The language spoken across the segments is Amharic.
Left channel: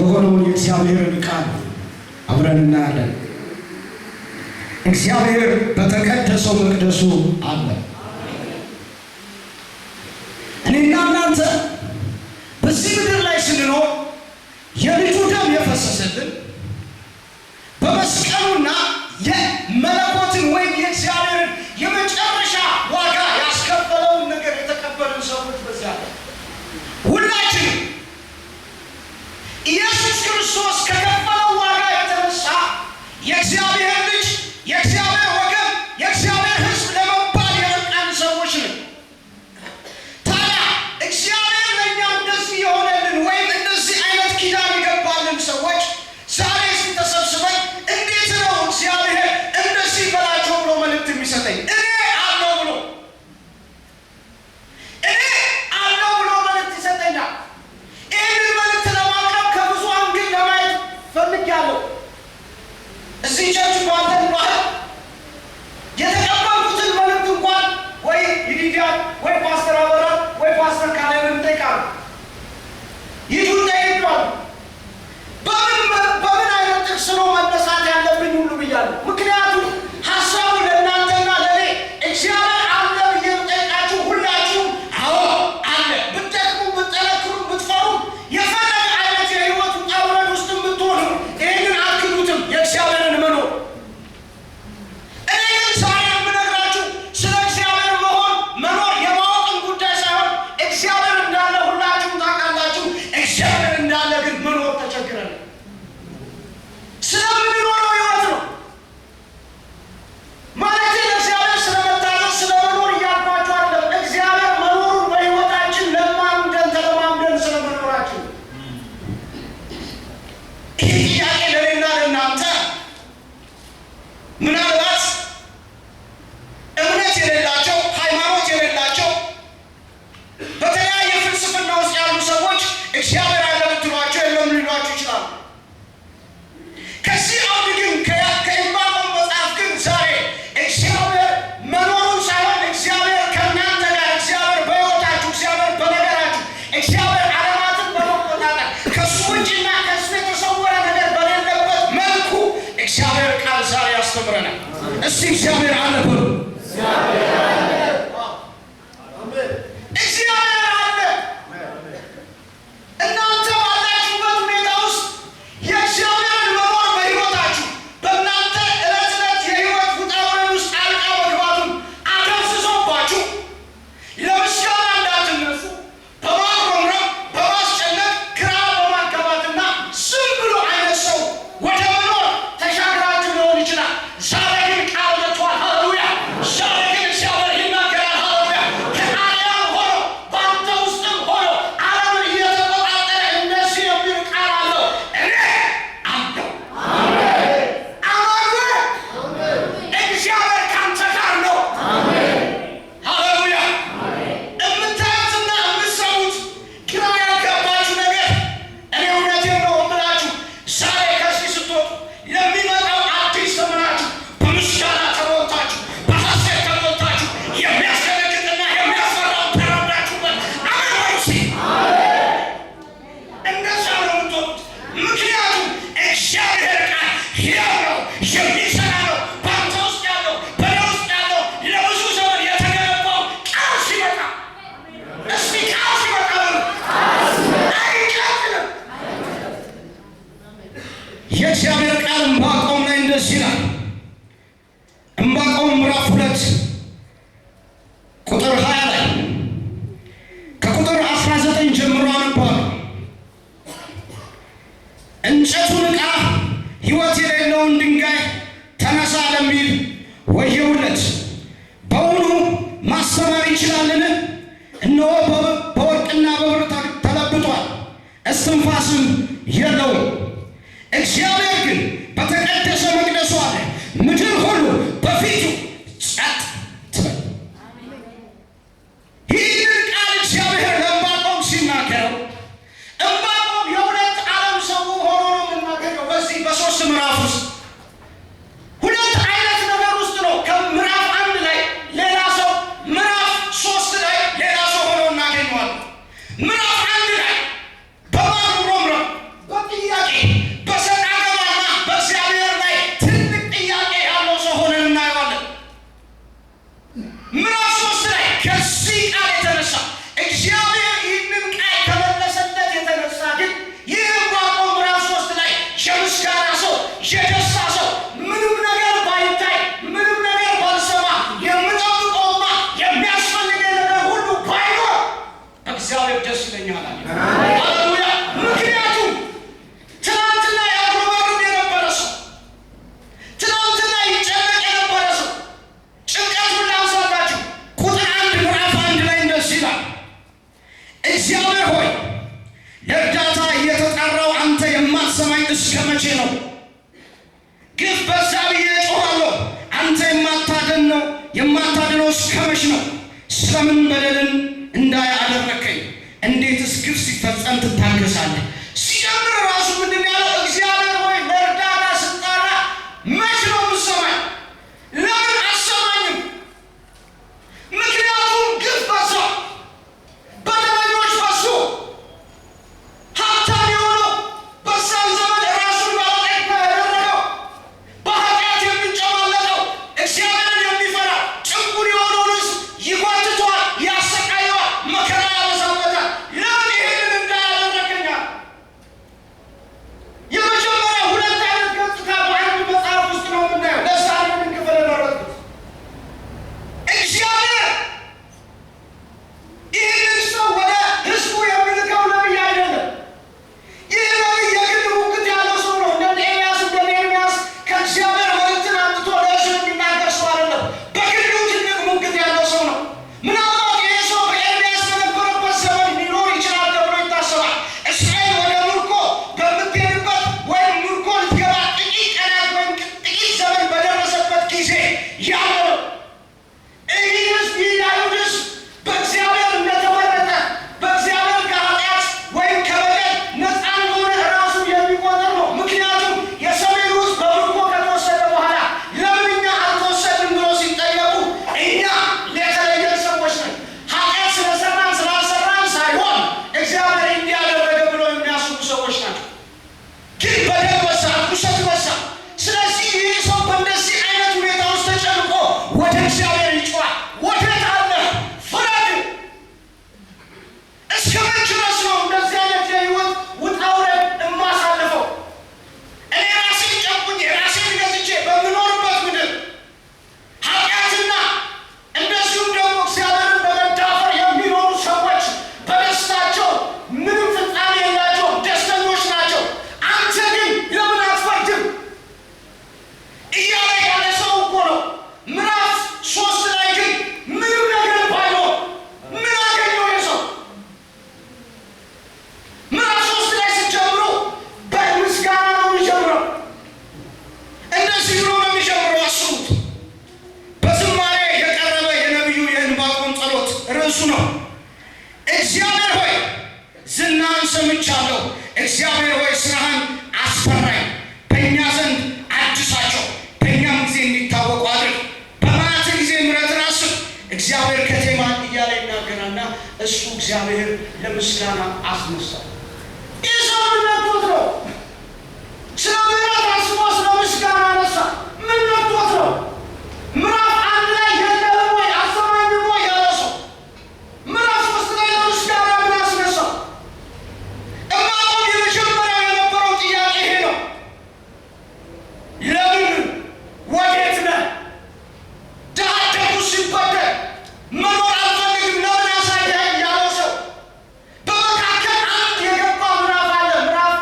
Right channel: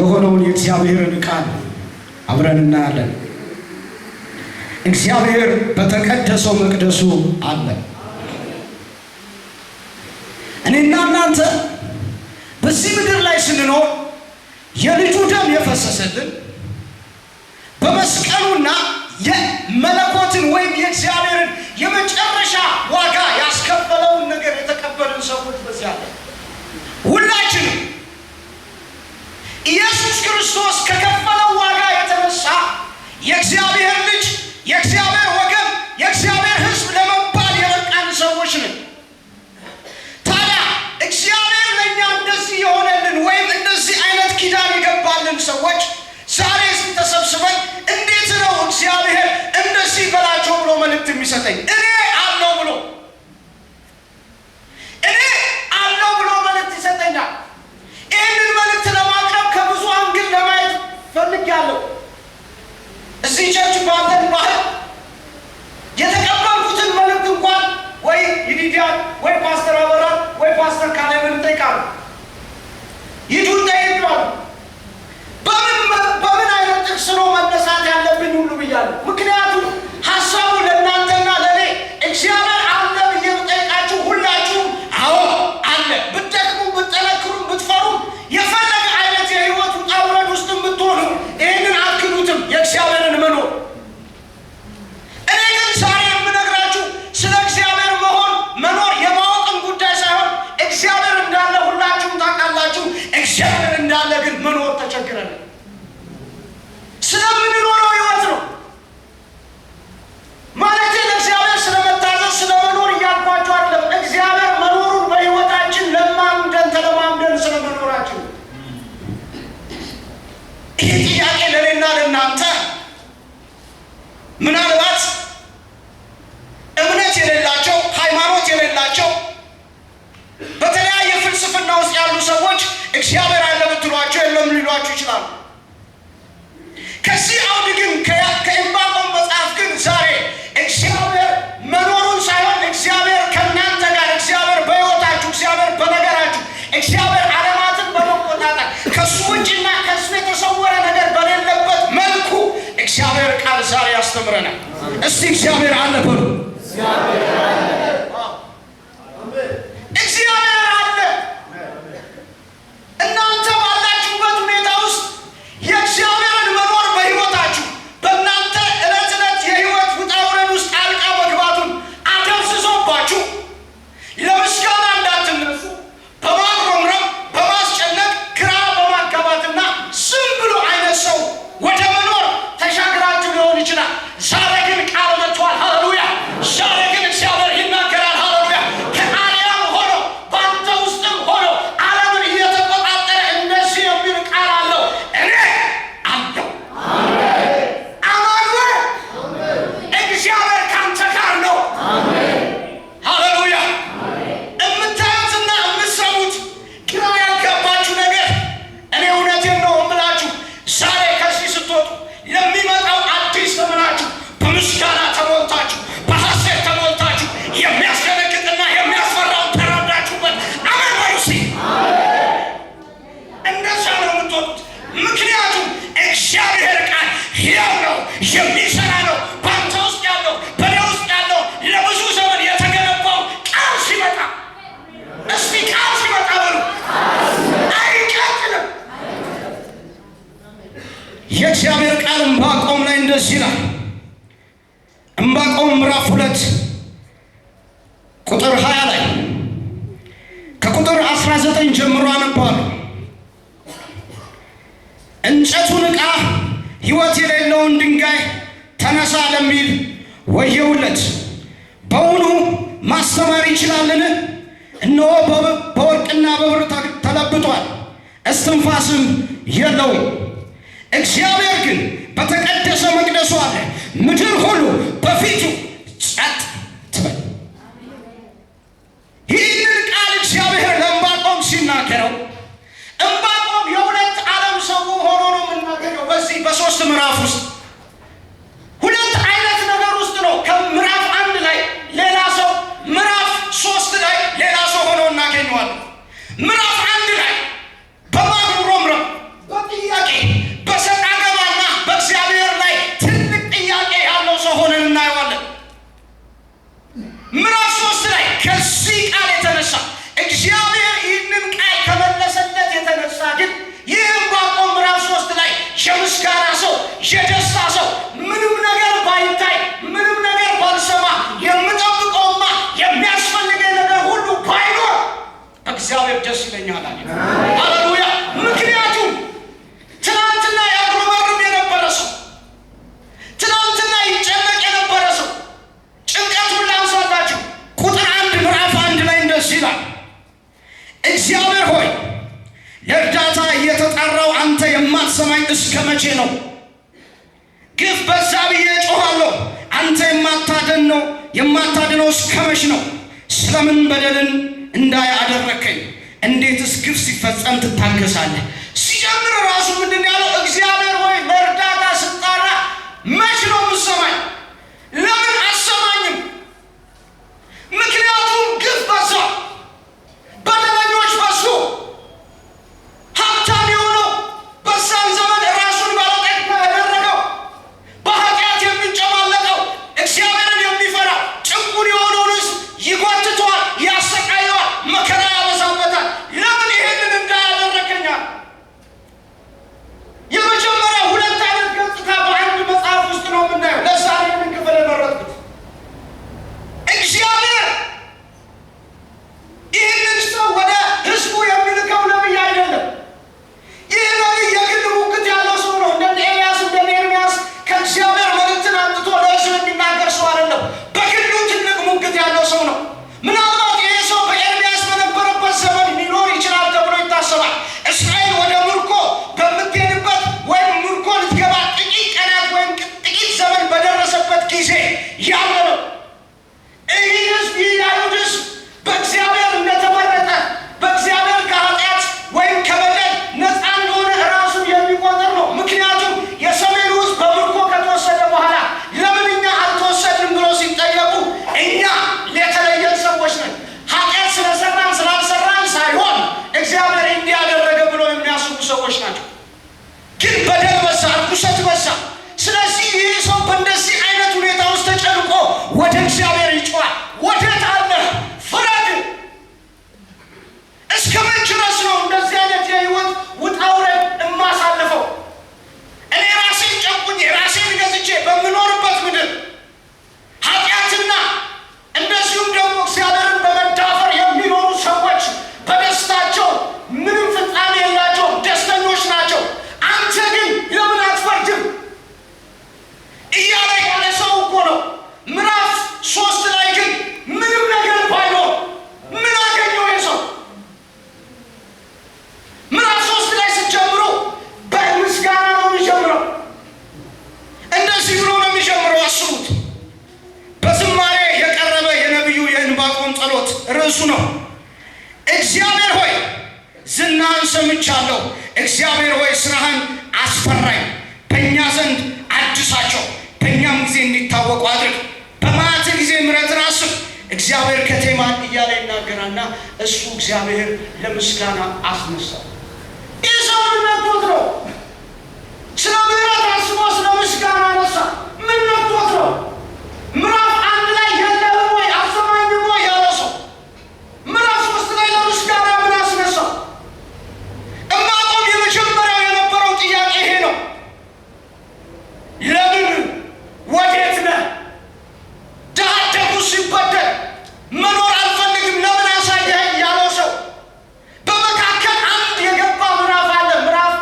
የሆነውን የእግዚአብሔርን ቃል አብረን እናያለን። እግዚአብሔር በተቀደሰው መቅደሱ አለ። እኔና እናንተ በዚህ ምድር ላይ ስንኖር የልጁ ደም የፈሰሰልን በመስቀሉና የመለኮትን ወይም የእግዚአብሔርን የመጨረሻ ዋጋ ያስከፈለውን ነገር የተቀበልን ሰዎች በዚያ አለ። ሁላችንም ኢየሱስ ክርስቶስ ከከፈለው ዋጋ የተነሳ የእግዚአብሔር ልጅ፣ የእግዚአብሔር ወገን፣ የእግዚአብሔር ሕዝብ ለመባል የበቃን ሰዎች ነን። ታዲያ እግዚአብሔር ለእኛ እንደዚህ የሆነልን ወይም እንደዚህ አይነት ኪዳን የገባልን ሰዎች ዛሬ ተሰብስበን እንዴት ነው እግዚአብሔር እንደዚህ በላቸው ብሎ መልእክት የሚሰጠኝ? እኔ አለው ብሎ መልእክት ይሰጠኛል። ይህንን መልእክት ለማቅረብ ከብዙ አንግል ለማየት ፈልጌያለሁ። እዚህ ቸርች ባለን ባህል የተቀበልኩትን መልእክት እንኳን ወይ ይዲዲያን ወይ ፓስተር አበራን ወይ ፓስተር ካሌብን እጠይቃለሁ። ይዱን ጠይቀዋል። በምን አይነት ጥቅስ ነው መነሳት ያለብኝ ሁሉ ብያለሁ። ምክንያቱም ሀሳቡ ለእናንተና ለእኔ እግዚአብሔር አለ ብዬ ብጠይቃችሁ ሁላችሁም አዎ አለ። ብትደክሙ፣ ብትጠነክሩ፣ ብትፈሩ፣ የፈለገ አይነት የህይወት ውጣ ውረድ ውስጥ ብትሆኑ ይህንን አትክዱትም የእግዚአብሔርን መኖር። እኔ ግን ዛሬ የምነግራችሁ ስለ እግዚአብሔር መኖር የማወቅን ጉዳይ ሳይሆን እግዚአብሔር እንዳለ ሁላችሁም ታውቃላችሁ። እግዚአብሔር እንዳለ ግን መኖር ተቸግረን ስለምንኖረው ህይወት ነው ማለት ለእግዚአብሔር ስለመታዘዝ ስለመኖር እያልኳችሁ አይደለም። እግዚአብሔር መኖሩን በህይወታችን ተለማምደን ስለመኖራችን ይህ ጥያቄ ለእኔና ለእናንተ ምናልባት እምነት የሌላቸው ሃይማኖት የሌላቸው በተለያየ ፍልስፍና ውስጥ ያሉ ሰዎች እግዚአብሔር አለ ብትሏቸው የለም ሊሏችሁ ይችላሉ። ከዚህ አውድ ግን ከዕንባቆም መጽሐፍ ግን ዛሬ እግዚአብሔር መኖሩን ሳይሆን እግዚአብሔር ከእናንተ ጋር፣ እግዚአብሔር በሕይወታችሁ፣ እግዚአብሔር በነገራችሁ፣ እግዚአብሔር ዓለማትን በመቆጣጠር ከሱ ውጭና ከሱ የተሰወረ ነገር በሌለበት መልኩ እግዚአብሔር ቃል ዛሬ ያስተምረናል። እስቲ እግዚአብሔር አለ በሉ። እግዚአብሔር አለ። እናንተ ባላችሁበት ሁኔታ ውስጥ የእግዚአብሔርን መኖር በሕይወታችሁ በእናንተ ዕለት ዕለት የሕይወት ውጣ ውረድ ውስጥ ጣልቃ መግባቱን አደብዝዞባችሁ ለምስጋና እንዳትነሱ በማጉረምረም በማስጨነቅ ግራ በማጋባትና ዝም ብሎ አይነት ሰው ወደ መኖር ተሻግራችሁ ሊሆን ይችላል። ዛሬ ግን ቃል መጥቷል። ሃሌሉያ! ዛሬ ግን እግዚአብሔር ይናገራል። ሃሌሉያ! ከአርያም ሆኖ በአንተ ውስጥም ሆኖ ዓለምን እየተቆጣጠረ እንደዚህ የሚል ቃል አለው። እኔ አለው። እግዚአብሔር ካንተ ጋር ነው። ሃሌሉያ! የምታዩትና የምትሰሙት ግራ ያጋባችሁ ነገር እኔ እውነቴን ነው የምላችሁ፣ ዛሬ ከዚህ ስትወጡ የሚመጣው አዲስ ዘመናችሁ በምስጋና ተሞልታችሁ በሐሴት ተሞልታችሁ የሚያስደነግጥና የሚያስፈራው ተራዳችሁበት። አሜን በሉ እስኪ። እንደዛ ነው የምትወጡት። ምክንያቱም እግዚአብሔር ቃል ሕያው ነው፣ የሚሰራ ነው። በአንተ ውስጥ ያለው በእኔ ውስጥ ያለው ለብዙ ዘመን የተገነባው ቃል ሲመጣ፣ እስቲ ቃል ሲመጣ በሉ አይቀጥልም። የእግዚአብሔር ቃል ዕንባቆም ላይ እንደዚህ ይላል። ዕንባቆም ምዕራፍ 2 ቁጥር 20 ላይ ከቁጥር 19 ጀምሮ አነባለሁ። እንጨቱን ዕቃ ሕይወት የሌለውን ድንጋይ ተነሳ ለሚል ወየውለት። በውኑ ማስተማር ይችላልን? እነሆ በወርቅና በብር ተለብጧል፣ እስትንፋስም የለውም። እግዚአብሔር ግን በተቀደሰ መቅደሱ አለ። ምድር ሁሉ በፊቱ ጸጥ ትበል። ይህንን ቃል እግዚአብሔር ለዕንባቆም ሲናገረው ዕንባቆም የሁለት ዓለም ሰው ሆኖ ነው የምናገኘው። በዚህ በ3 ምዕራፍ ውስጥ ሁለት አይነት ነገር ውስጥ ነው። ከምዕራፍ 1 ላይ ሌላ ሰው፣ ምዕራፍ 3 ላይ ሌላ ሰው ሆኖ እናገኘዋለን። ምዕራፍ 1 ላይ በማጉረምረም በጥያቄ የደስታ ሰው ምንም ነገር ባይታይ ምንም ነገር ባልሰማ የምጠብቀውማ የሚያስፈልገኝ ነገር ሁሉ ባይኖር እግዚአብሔር ደስ ይለኛል አለ። ሃሌሉያ። ምክንያቱም ትናንትና ያጉረመርም የነበረ ሰው፣ ትናንትና ይጨነቅ የነበረ ሰው ጭንቀቱን ላንሳላችሁ። ቁጥር 1 ምዕራፍ 1 ላይ እንደዚህ ይላል፣ እግዚአብሔር ሆይ ለእርዳታ እየተጣራው አንተ የማትሰማኝ እስከ መቼ ነው? ግፍ በዛ ብዬ እጮኻለሁ፣ አንተ የማታድነው እስከ መቼ ነው? ስለምን በደልን እንዳይ አደረከኝ? እንዴትስ ግፍ ሲፈጸም ትታገሳለህ? ሲጀምር ራሱ ምንድን ያለው? እግዚአብሔር ሆይ ለእርዳታ ስጣራ መች ነው የምትሰማኝ? ለምን አሰማኝም? ምክንያቱም ግፍ በዛ፣ በደለኞች በዙ። ሀብታም የሆነው በዛን ዘመን ራሱን ባለጠጋ ያደረገው በኃጢአት የሚንጨማለቀው እግዚአብሔርን የሚፈራ ጭንቁን የሆነውን ሕዝብ ይጎትተዋል፣ ያሰቃየዋል፣ መከራ ያበዛበታል። ለምን ይህንን እንዳያደረገኛል? የመጀመሪያ ሁለት አይነት ገጽታ በአንድ መጽሐፍ ውስጥ ነው የምናየው። ለዛ ይህንን ክፍል የመረጥኩት እግዚአብሔር ይህንን ሰው ወደ ሕዝቡ የሚልከው ነቢይ አይደለም። ይህ ነቢይ የግል ሙግት ያለው ሰው ነው። እንደ ኤልያስ እንደ ኤርምያስ ከእግዚአብሔር መልእክትን አምጥቶ ለሕዝብ የሚናገር ሰው አይደለም። በግሉ ትልቅ ሙግት ያለው ሰው ነው። ምናልባት ይህ ሰው በኤርምያስ በነበረበት ዘመን ሊኖር ይችላል ተብሎ ይታሰባል። እስራኤል ወደ ምርኮ በምትሄድበት ወይም ምርኮ ልትገባ ጥቂት ቀናት ወይም ጥቂት ዘመን በደረሰበት ጊዜ ያለ ነው። ይህ ሕዝብ ይላሉት ሕዝብ በእግዚአብሔር እንደተመረጠ በእግዚአብሔር ከኃጢአት ወይም ከበደል ነፃ እንደሆነ ራሱን የሚቆጥር ነው። ምክንያቱም የሰሜኑ ሕዝብ በምርኮ ከተወሰደ በኋላ ለምን እኛ አልተወሰድንም ብሎ ሲጠየቁ እኛ የተለየን ሰዎች ነን፣ ኃጢአት ስለሰራን ስላልሰራን ሳይሆን እግዚአብሔር እንዲያደረገ ብሎ የሚያስቡ ሰዎች ናቸው። ግን በደል በዛ፣ ርኩሰት በዛ። ስለዚህ ይህ ሰው በእንደዚህ አይነት ሁኔታ ውስጥ ተጨንቆ ወደ እግዚአብሔር ይጮኻል። ወዴት አለህ? ፍረድ። እስከ ምን ድረስ ነው እንደዚህ አይነት የህይወት ውጣ ውረድ የማሳልፈው? እኔ ራሴን ጨቁኝ ራሴን ገዝቼ በምኖርበት ምድር ኃጢአትና እንደዚሁም ደግሞ እግዚአብሔርን በመዳፈር የሚኖሩ ሰዎች በደስታቸው ምንም ፍጻሜ የላቸውም፣ ደስተኞች ናቸው። አንተ ግን ለምን አትፈርድም እያለ ያለ ሰው እኮ ነው። ምዕራፍ 3 ላይ ግን ምንም ነገር ባይኖር ምን አገኘው ይህ ሰው? ምዕራፍ 3 ላይ ስትጀምሩ በምስጋና ነው የሚጀምረው። እንደዚህ ብሎ ነው የሚጀምረው። አስቡት። በዝማሬ የቀረበ የነቢዩ የዕንባቆም ጸሎት ርዕሱ ነው። እግዚአብሔር ሆይ ዝናህን ሰምቻለሁ። እግዚአብሔር ሆይ ስራህን አስፈራኝ። በእኛ ዘንድ አድሳቸው፣ በእኛም ጊዜ እንዲታወቁ አድርግ። በመዓትህ ጊዜ ምሕረትን አስብ። እግዚአብሔር ከቴማን እያለ ይናገራልና እሱ እግዚአብሔር ለምስጋና አስነሳው። ይህ ሰው ምን ነክቶት ነው? ስለ ምሕረት አስቦ ስለ ምስጋና አነሳ። ምን ነክቶት ነው? ምዕራፍ 1 ላይ የለህም ወይ አልሰማኝም ወይ ያለ ሰው ምዕራፍ 3 ላይ ለምስጋና ምን አስነሳው? ዕንባቆም የመጀመሪያው የነበረው ጥያቄ ይሄ ነው። ለምን? ወዴት ነህ? ድሀ አደጉ ሲበደል መኖር አልፈልግም ለምን አሳየኸኝ ያለው ሰው በመካከል አንድ የገባ ምዕራፍ አለ። ምዕራፍ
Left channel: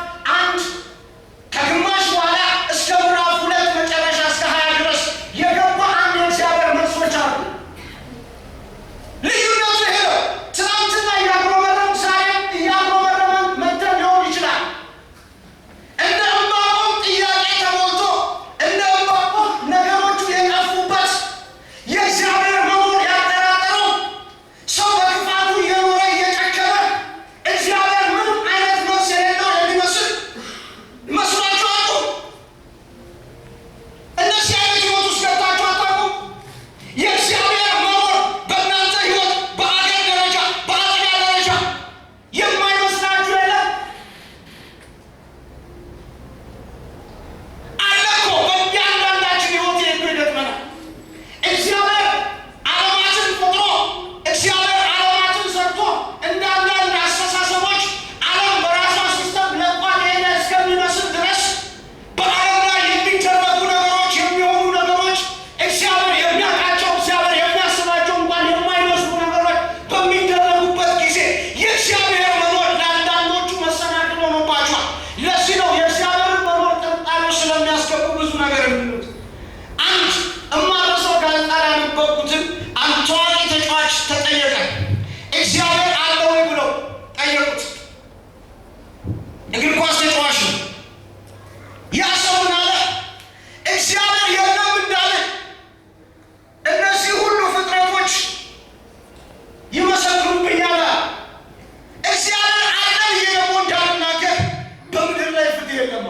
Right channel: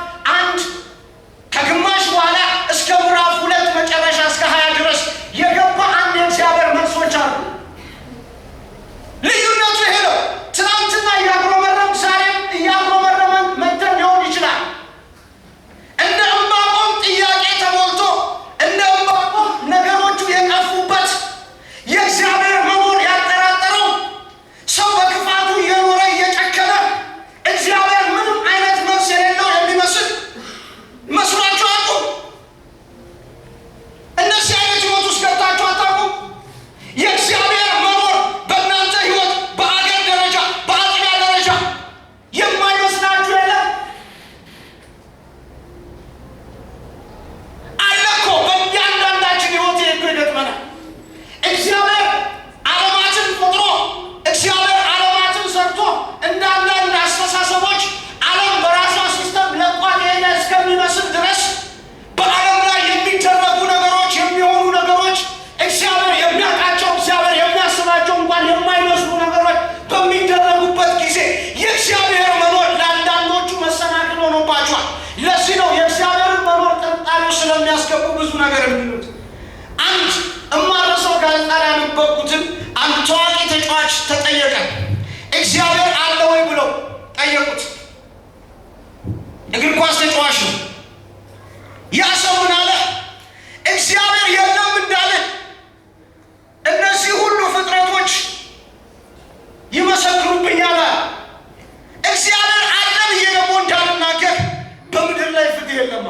ስለሚያስገቡ ብዙ ነገር የሚሉት አንድ እማረሰው ጋዜጣ ላይ ያነበብኩትን አንድ ታዋቂ ተጫዋች ተጠየቀ። እግዚአብሔር አለ ወይ ብለው ጠየቁት። እግር ኳስ ተጫዋች ነው። ያ ሰው ምን አለ? እግዚአብሔር የለም እንዳለ እነዚህ ሁሉ ፍጥረቶች ይመሰክሩብኛል። እግዚአብሔር አለ ብዬ ደግሞ እንዳልናገር በምድር ላይ ፍትህ የለም።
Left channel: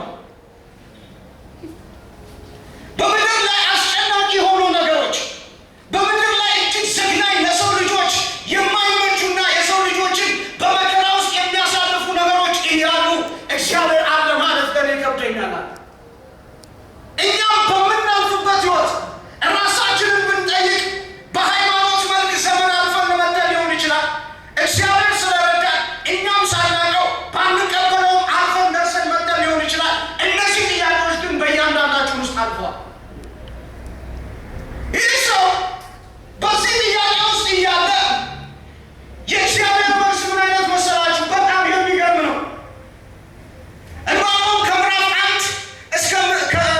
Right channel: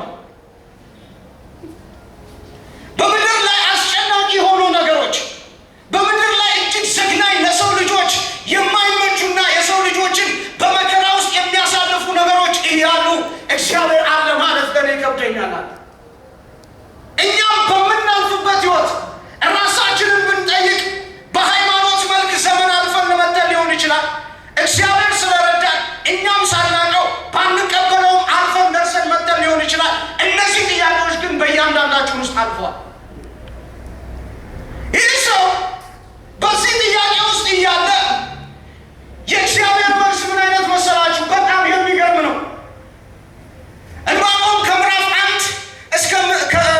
በምድር ላይ አስጨናቂ የሆኑ ነገሮች፣ በምድር ላይ እጅግ ዘግናኝ ለሰው ልጆች የማይመቹና የሰው ልጆችን በመከራ ውስጥ የሚያሳልፉ ነገሮች እያሉ እግዚአብሔር አለ ማለት ለኔ ይከብደኛል። እኛም በምናልፍበት ህይወት ራሳችንን ብንጠይቅ በሃይማኖት መልክ ዘመን አልፈን መጥተን ሊሆን ይችላል። እግዚአብሔር ስለረዳን እኛም ሳናውቀው ባንቀበለውም አልፈን ደርሰን መጥተን ሊሆን ይችላል። እነዚህ ጥያቄዎች ግን በእያንዳንዳችን ውስጥ አልፈዋል። ይህ ሰው በዚህ ጥያቄ ውስጥ እያለ የእግዚአብሔር መልስ ምን አይነት መሰላችሁ? በጣም የሚገርም ነው። ዕንባቆም ከምዕራፍ 1 እስከ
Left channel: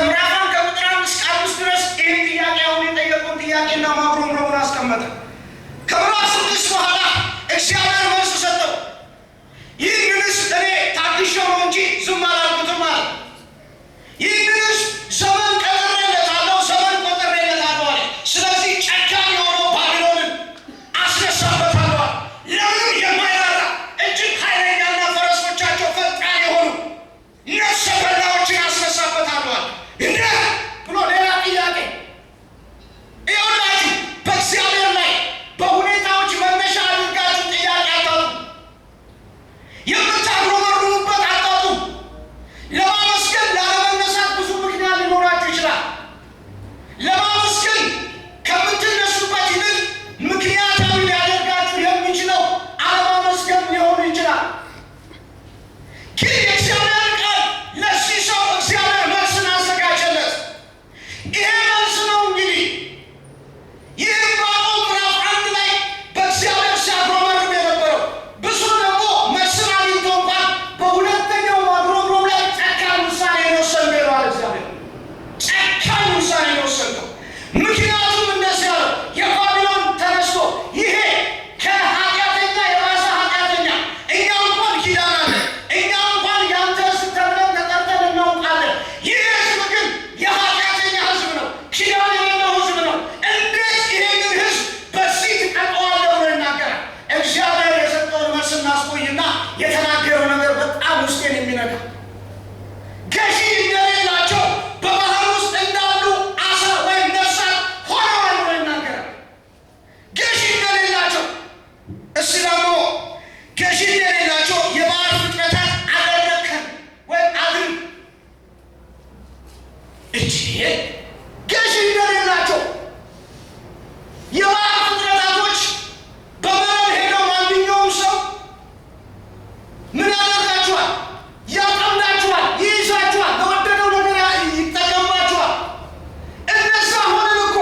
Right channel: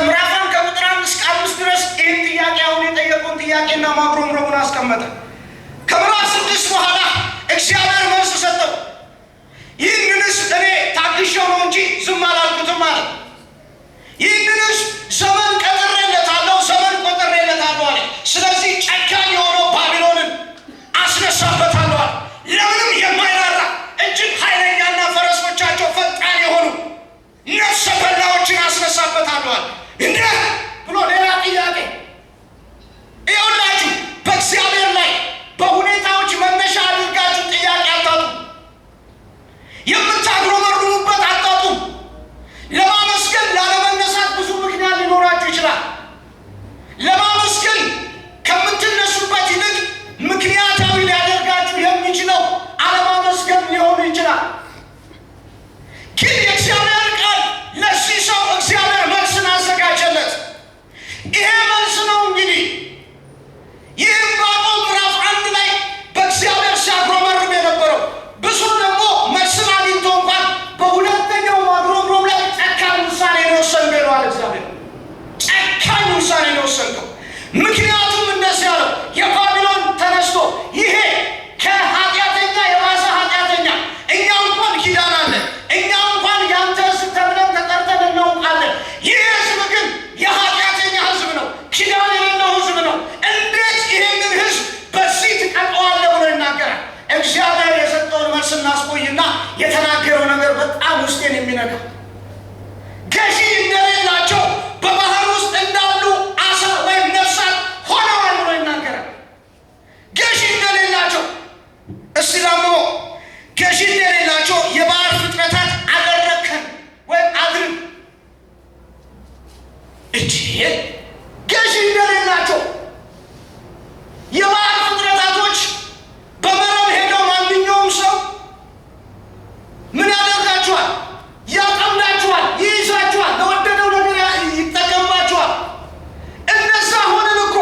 ምዕራፍ 1 ከቁጥር 1 እስከ 5 ድረስ ይህን ጥያቄ አሁን የጠየቁን ጥያቄና ማጉረምረሙን አስቀመጠ። ከምዕራፍ 6 በኋላ እግዚአብሔር መልስ ሰጠው። ይህንንስ እኔ ታግሼው ነው እንጂ ዝም አላልኩትም አለ። ይህንንስ ዘመን ቀጥሬለታለሁ፣ ዘመን ቆጥሬለታለሁ አለ። ስለዚህ ጨካኝ የሆነው ባቢሎንን አስነሳበታለሁ አለ። ለምንም የማይራራ እጅግ ኃይለኛና ፈረሶቻቸው ፈጣን የሆኑ ነፍሰ በላዎችን አስነሳበታለሁ አለ። እንደ ብሎ ሌላ ጥያቄ ይኸውላችሁ፣ በእግዚአብሔር ላይ በሁኔታዎች መነሻ አድርጋችሁ ጥያቄ አታጡ። የምታጉረመርሙበት አታጡ። ለማመስገን ላለመነሳት ብዙ ምክንያት ሊኖራችሁ ይችላል። ለማመስገን ከምትነሱበት ይልቅ ምክንያታዊ ሊያደርጋችሁ የሚችለው አለማመስገን ሊሆን ይችላል። ግን የእግዚአብሔር ቃል ለዚህ ሰው እግዚአብሔር መልስን አዘጋጀለት። ይሄ መልስ ነው እንግዲህ ይህ ዕንባቆም ምዕራፍ 1 ላይ በእግዚአብሔር ሲያጉረመርም የነበረው ብዙ ደግሞ መልስን አግኝቶ እንኳን በሁለተኛው ማጉረምረም ላይ ጨካኝ ውሳኔ የወሰንከው ይለዋል እግዚአብሔር። ጨካኝ ውሳኔ የወሰንከው ምክንያቱም እንደዚህ ያለው የባቢሎን ተነስቶ ይሄ ከኃጢአተኛ የባሰ ኃጢአተኛ፣ እኛ እንኳን ኪዳን አለ፣ እኛ እንኳን ያንተ ሕዝብ ተብለን ተጠርተን እናውቃለን። ይህ ሕዝብ ግን የኃጢአተኛ ሕዝብ ነው፣ ኪዳን የሌለው ሕዝብ ነው። እንዴት ይሄንን ሕዝብ በዚህ ትቀጠዋለህ ብሎ ይናገራል። እግዚአብሔር የሰጠውን መልስ እናስቆይና የተናገረው ነገር በጣም ውስጤን የሚነካ ገዢ እንደሌላቸው በባህር ውስጥ እንዳሉ አሳ ወይም ነፍሳት ሆነዋል ብሎ ይናገራል። ገዢ እንደሌላቸው እስቲ ደግሞ ገዢ እንደሌላቸው የባህር ፍጥረታት አደረግከን ወይም አድርግ እጅ ገዢ እንደሌላቸው የባህር ፍጥረታቶች በመረብ ሄደው ማንኛውም ሰው ምን ያደርጋችኋል? ያጠምዳችኋል፣ ይይዛችኋል፣ ለወደደው ነገር ይጠቀምባችኋል። እነዛ ሆነን እኮ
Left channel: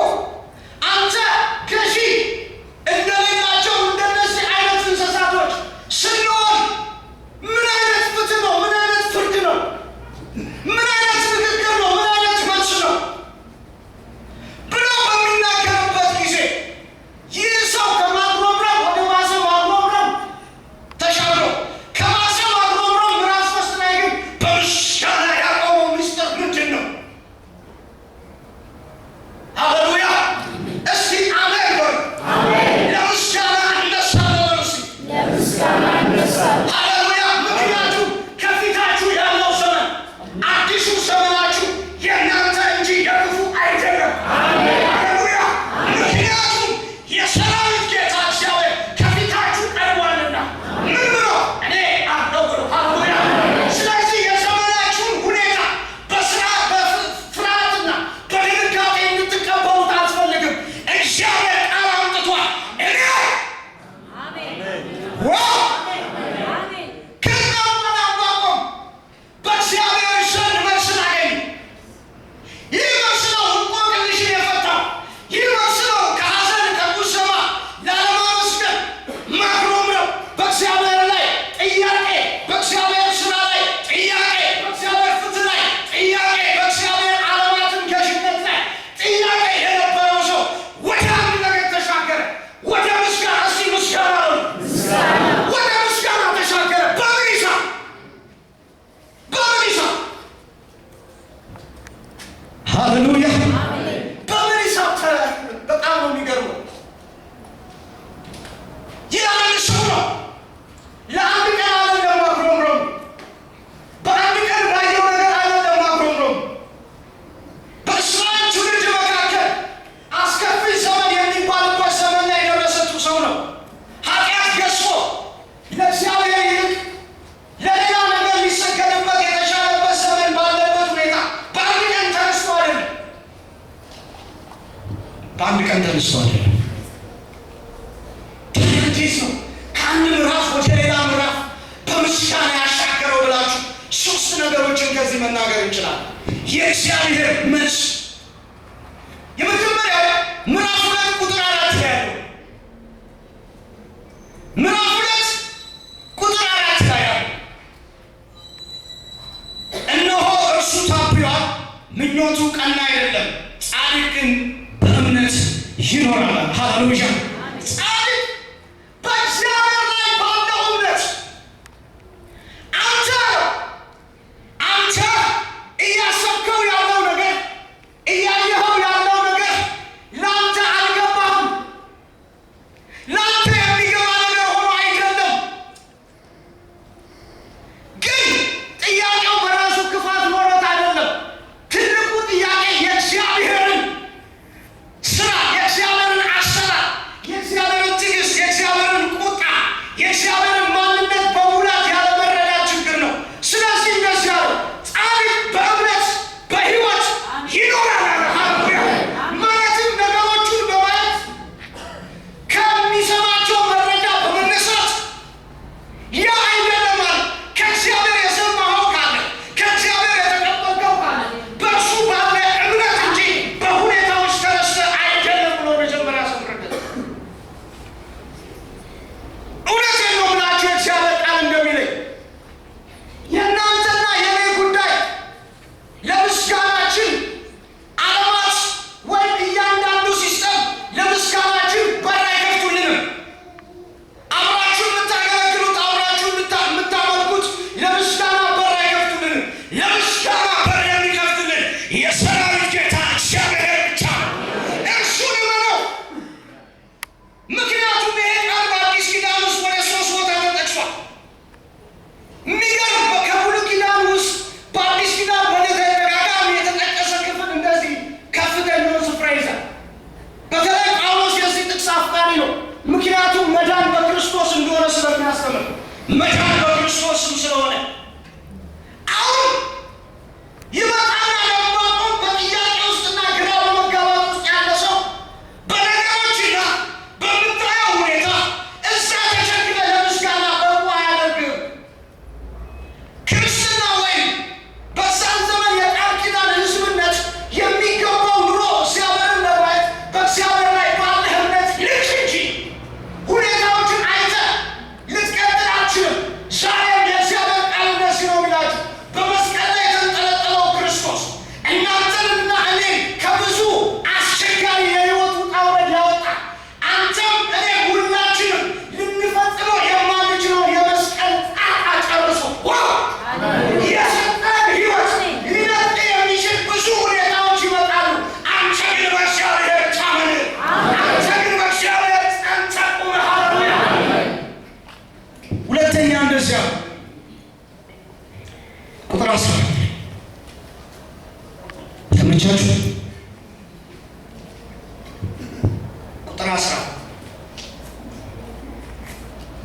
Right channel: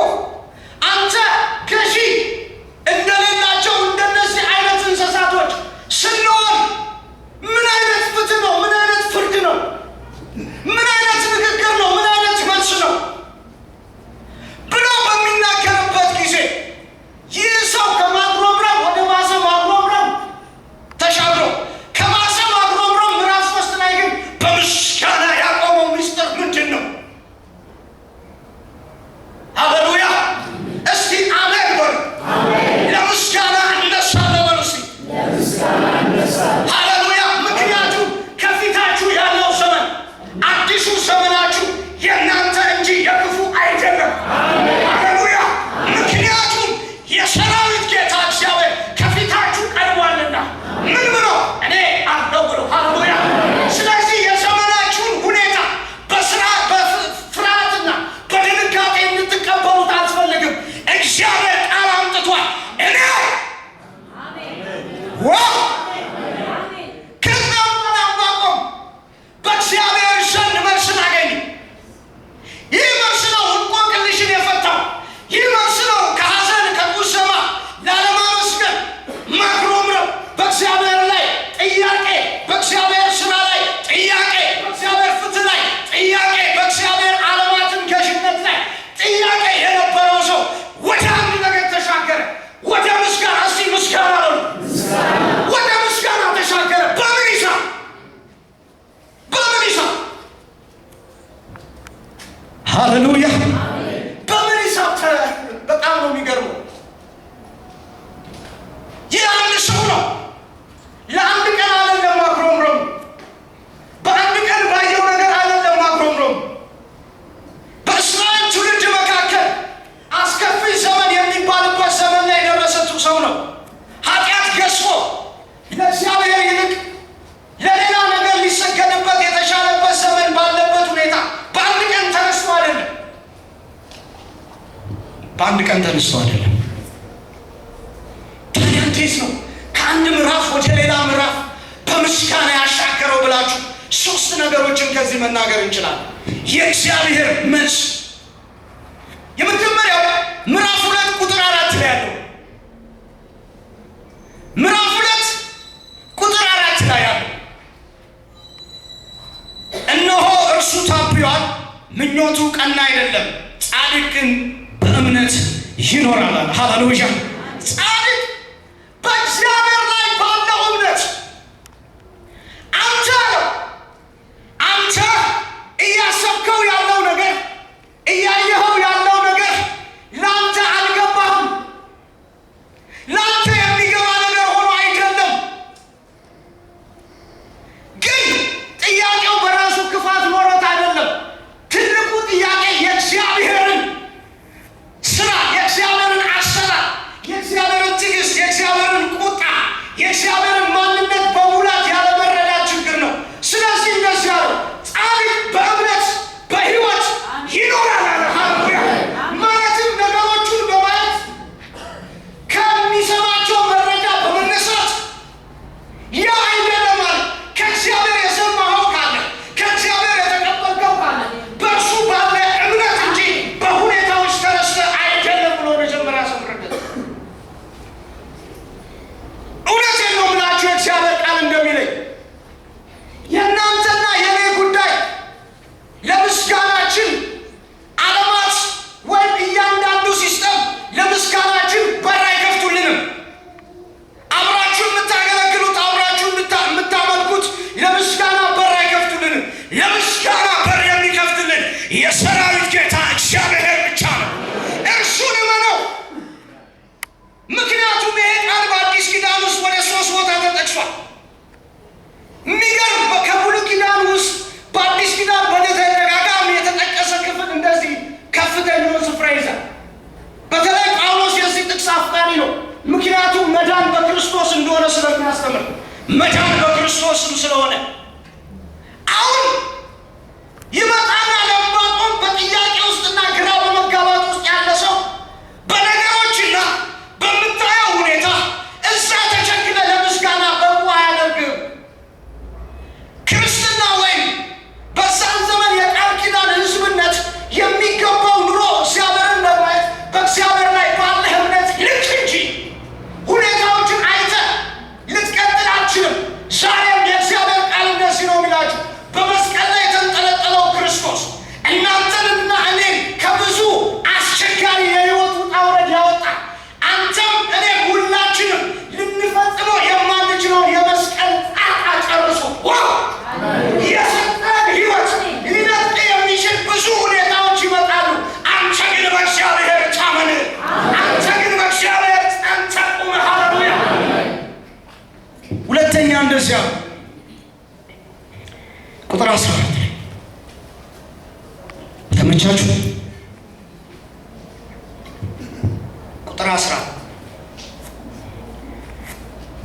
አንተ ገዢ እንደሌላቸው እንደነዚህ አይነት እንስሳቶች ስንሆን ምን አይነት ፍትህ ነው? ምን አይነት ፍርድ ነው? ምን አይነት ንግግር ነው? ምን አይነት መልስ ነው? በአንድ ቀን ተነስቶ አይደለም። ታዲያ እንዴት ነው ከአንድ ምዕራፍ ወደ ሌላ ምዕራፍ በምስጋና ያሻገረው ብላችሁ ሶስት ነገሮችን ከዚህ መናገር እንችላለን። የእግዚአብሔር መልስ የመጀመሪያው ምዕራፍ 2 ቁጥር 4 ላይ ያለው ምዕራፍ 2 ቁጥር 4 ላይ ያለው እነሆ እርሱ ታብዮአል፣ ምኞቱ ቀና አይደለም፣ ጻድቅ ግን በእምነት ይኖራል። ሃሌሉያ! ጻድቅ በእግዚአብሔር ላይ ባለው እምነት አንተ እያሰብከው ያለው ነገር እያየኸው ያለው ነገር ለአንተ አልገባህም። ለአንተ የሚገባ ነገር ሆኖ አይደለም። ግን ጥያቄው በራሱ ክፋት ኖሮት አይደለም። ትልቁ ጥያቄ የእግዚአብሔርን ስራ፣ የእግዚአብሔርን አሰራር፣ የእግዚአብሔርን ትዕግስት፣ የእግዚአብሔርን ቁጣ፣ የእግዚአብሔርን ማንነት በሙላት ያለመረዳት ችግር ነው። ስለዚህ እንደዚህ ያለው ጻድቅ በእምነት በሕይወት ይኖራል አለ። ሃሌሉያ! ማለትም ነገሮቹን በማየት ከሚሰማቸው መረጃ በመነሳት ያ አይደለም አለ። ከእግዚአብሔር የሰማኸው ካለ፣ ከእግዚአብሔር የተቀበልከው ካለ በእርሱ ባለ እምነት እንጂ በሁኔታዎች ተነስተህ አይደለም ብሎ መጀመሪያ ሰምረለት። እውነቴን ነው ብላችሁ የእግዚአብሔር ቃል እንደሚለኝ የእናንተና የኔ ጉዳይ ለምስጋናችን ዓለማት ወይም እያንዳንዱ ሲስተም ለምስጋናችን በር አይከፍቱልንም። አብራችሁ የምታገለግሉት፣ አብራችሁ የምታመልኩት ለምስጋና በር አይከፍቱልንም። ለምስጋና በር የሚከፍትልን የሰራዊት ጌታ እግዚአብሔር ብቻ ነው። እርሱን እመነው። ምክንያቱም ይሄ ቃል በአዲስ ኪዳን ውስጥ ወደ 3 ቦታ ተጠቅሷል። የሚገርም ከብሉይ ኪዳን ውስጥ በአዲስ ኪዳን በተደጋጋሚ የተጠቀሰ ክፍል እንደዚህ ከፍተኛውን ስፍራ ይዛል። በተለይ ጳውሎስ የዚህ ጥቅስ አፍቃሪ ነው። ምክንያቱም መዳን በክርስቶስ እንደሆነ ስለሚያስተምር፣ መዳን በክርስቶስም ስለሆነ አሁን ይመጣና ለማቆም በጥያቄ ውስጥና ግራ በመጋባት ውስጥ ያለ ሰው በነገሮችና በምታየው ሁኔታ እዛ ተቸግረ ለምስጋና በቁ አያደርግም። ክርስትና ወይም በዛን ዘመን የቃል ኪዳን ሕዝብነት የሚገባው ኑሮ እግዚአብሔርን ለማየት በእግዚአብሔር ላይ ባለህ እምነት ልክ እንጂ ሁኔታዎችን አይተህ ልትቀጥል አትችልም። ዛሬም የእግዚአብሔር ቃል እንደዚህ ነው የሚላችሁ፣ በመስቀል ላይ የተንጠለጠለው ክርስቶስ እናንተንና እኔን ከብዙ አስቸጋሪ የሕይወት ውጣ ውረድ ያወጣ፣ አንተም እኔ ሁላችንም ልንፈጽመው የማንችለውን የመስቀል ጣጣ ጨርሶ የሰጠን ሕይወት ሊነጥቅ የሚችል ብዙ ሁኔታዎች ይመጣሉ። አንተ ግን በእግዚአብሔር ታመን። አንተ ግን በእግዚአብሔር ጸንተህ ቁም። ሃሌሉያ! ሁለተኛ እንደዚያ ቁጥር 14 ተመቻችሁ? ቁጥር 14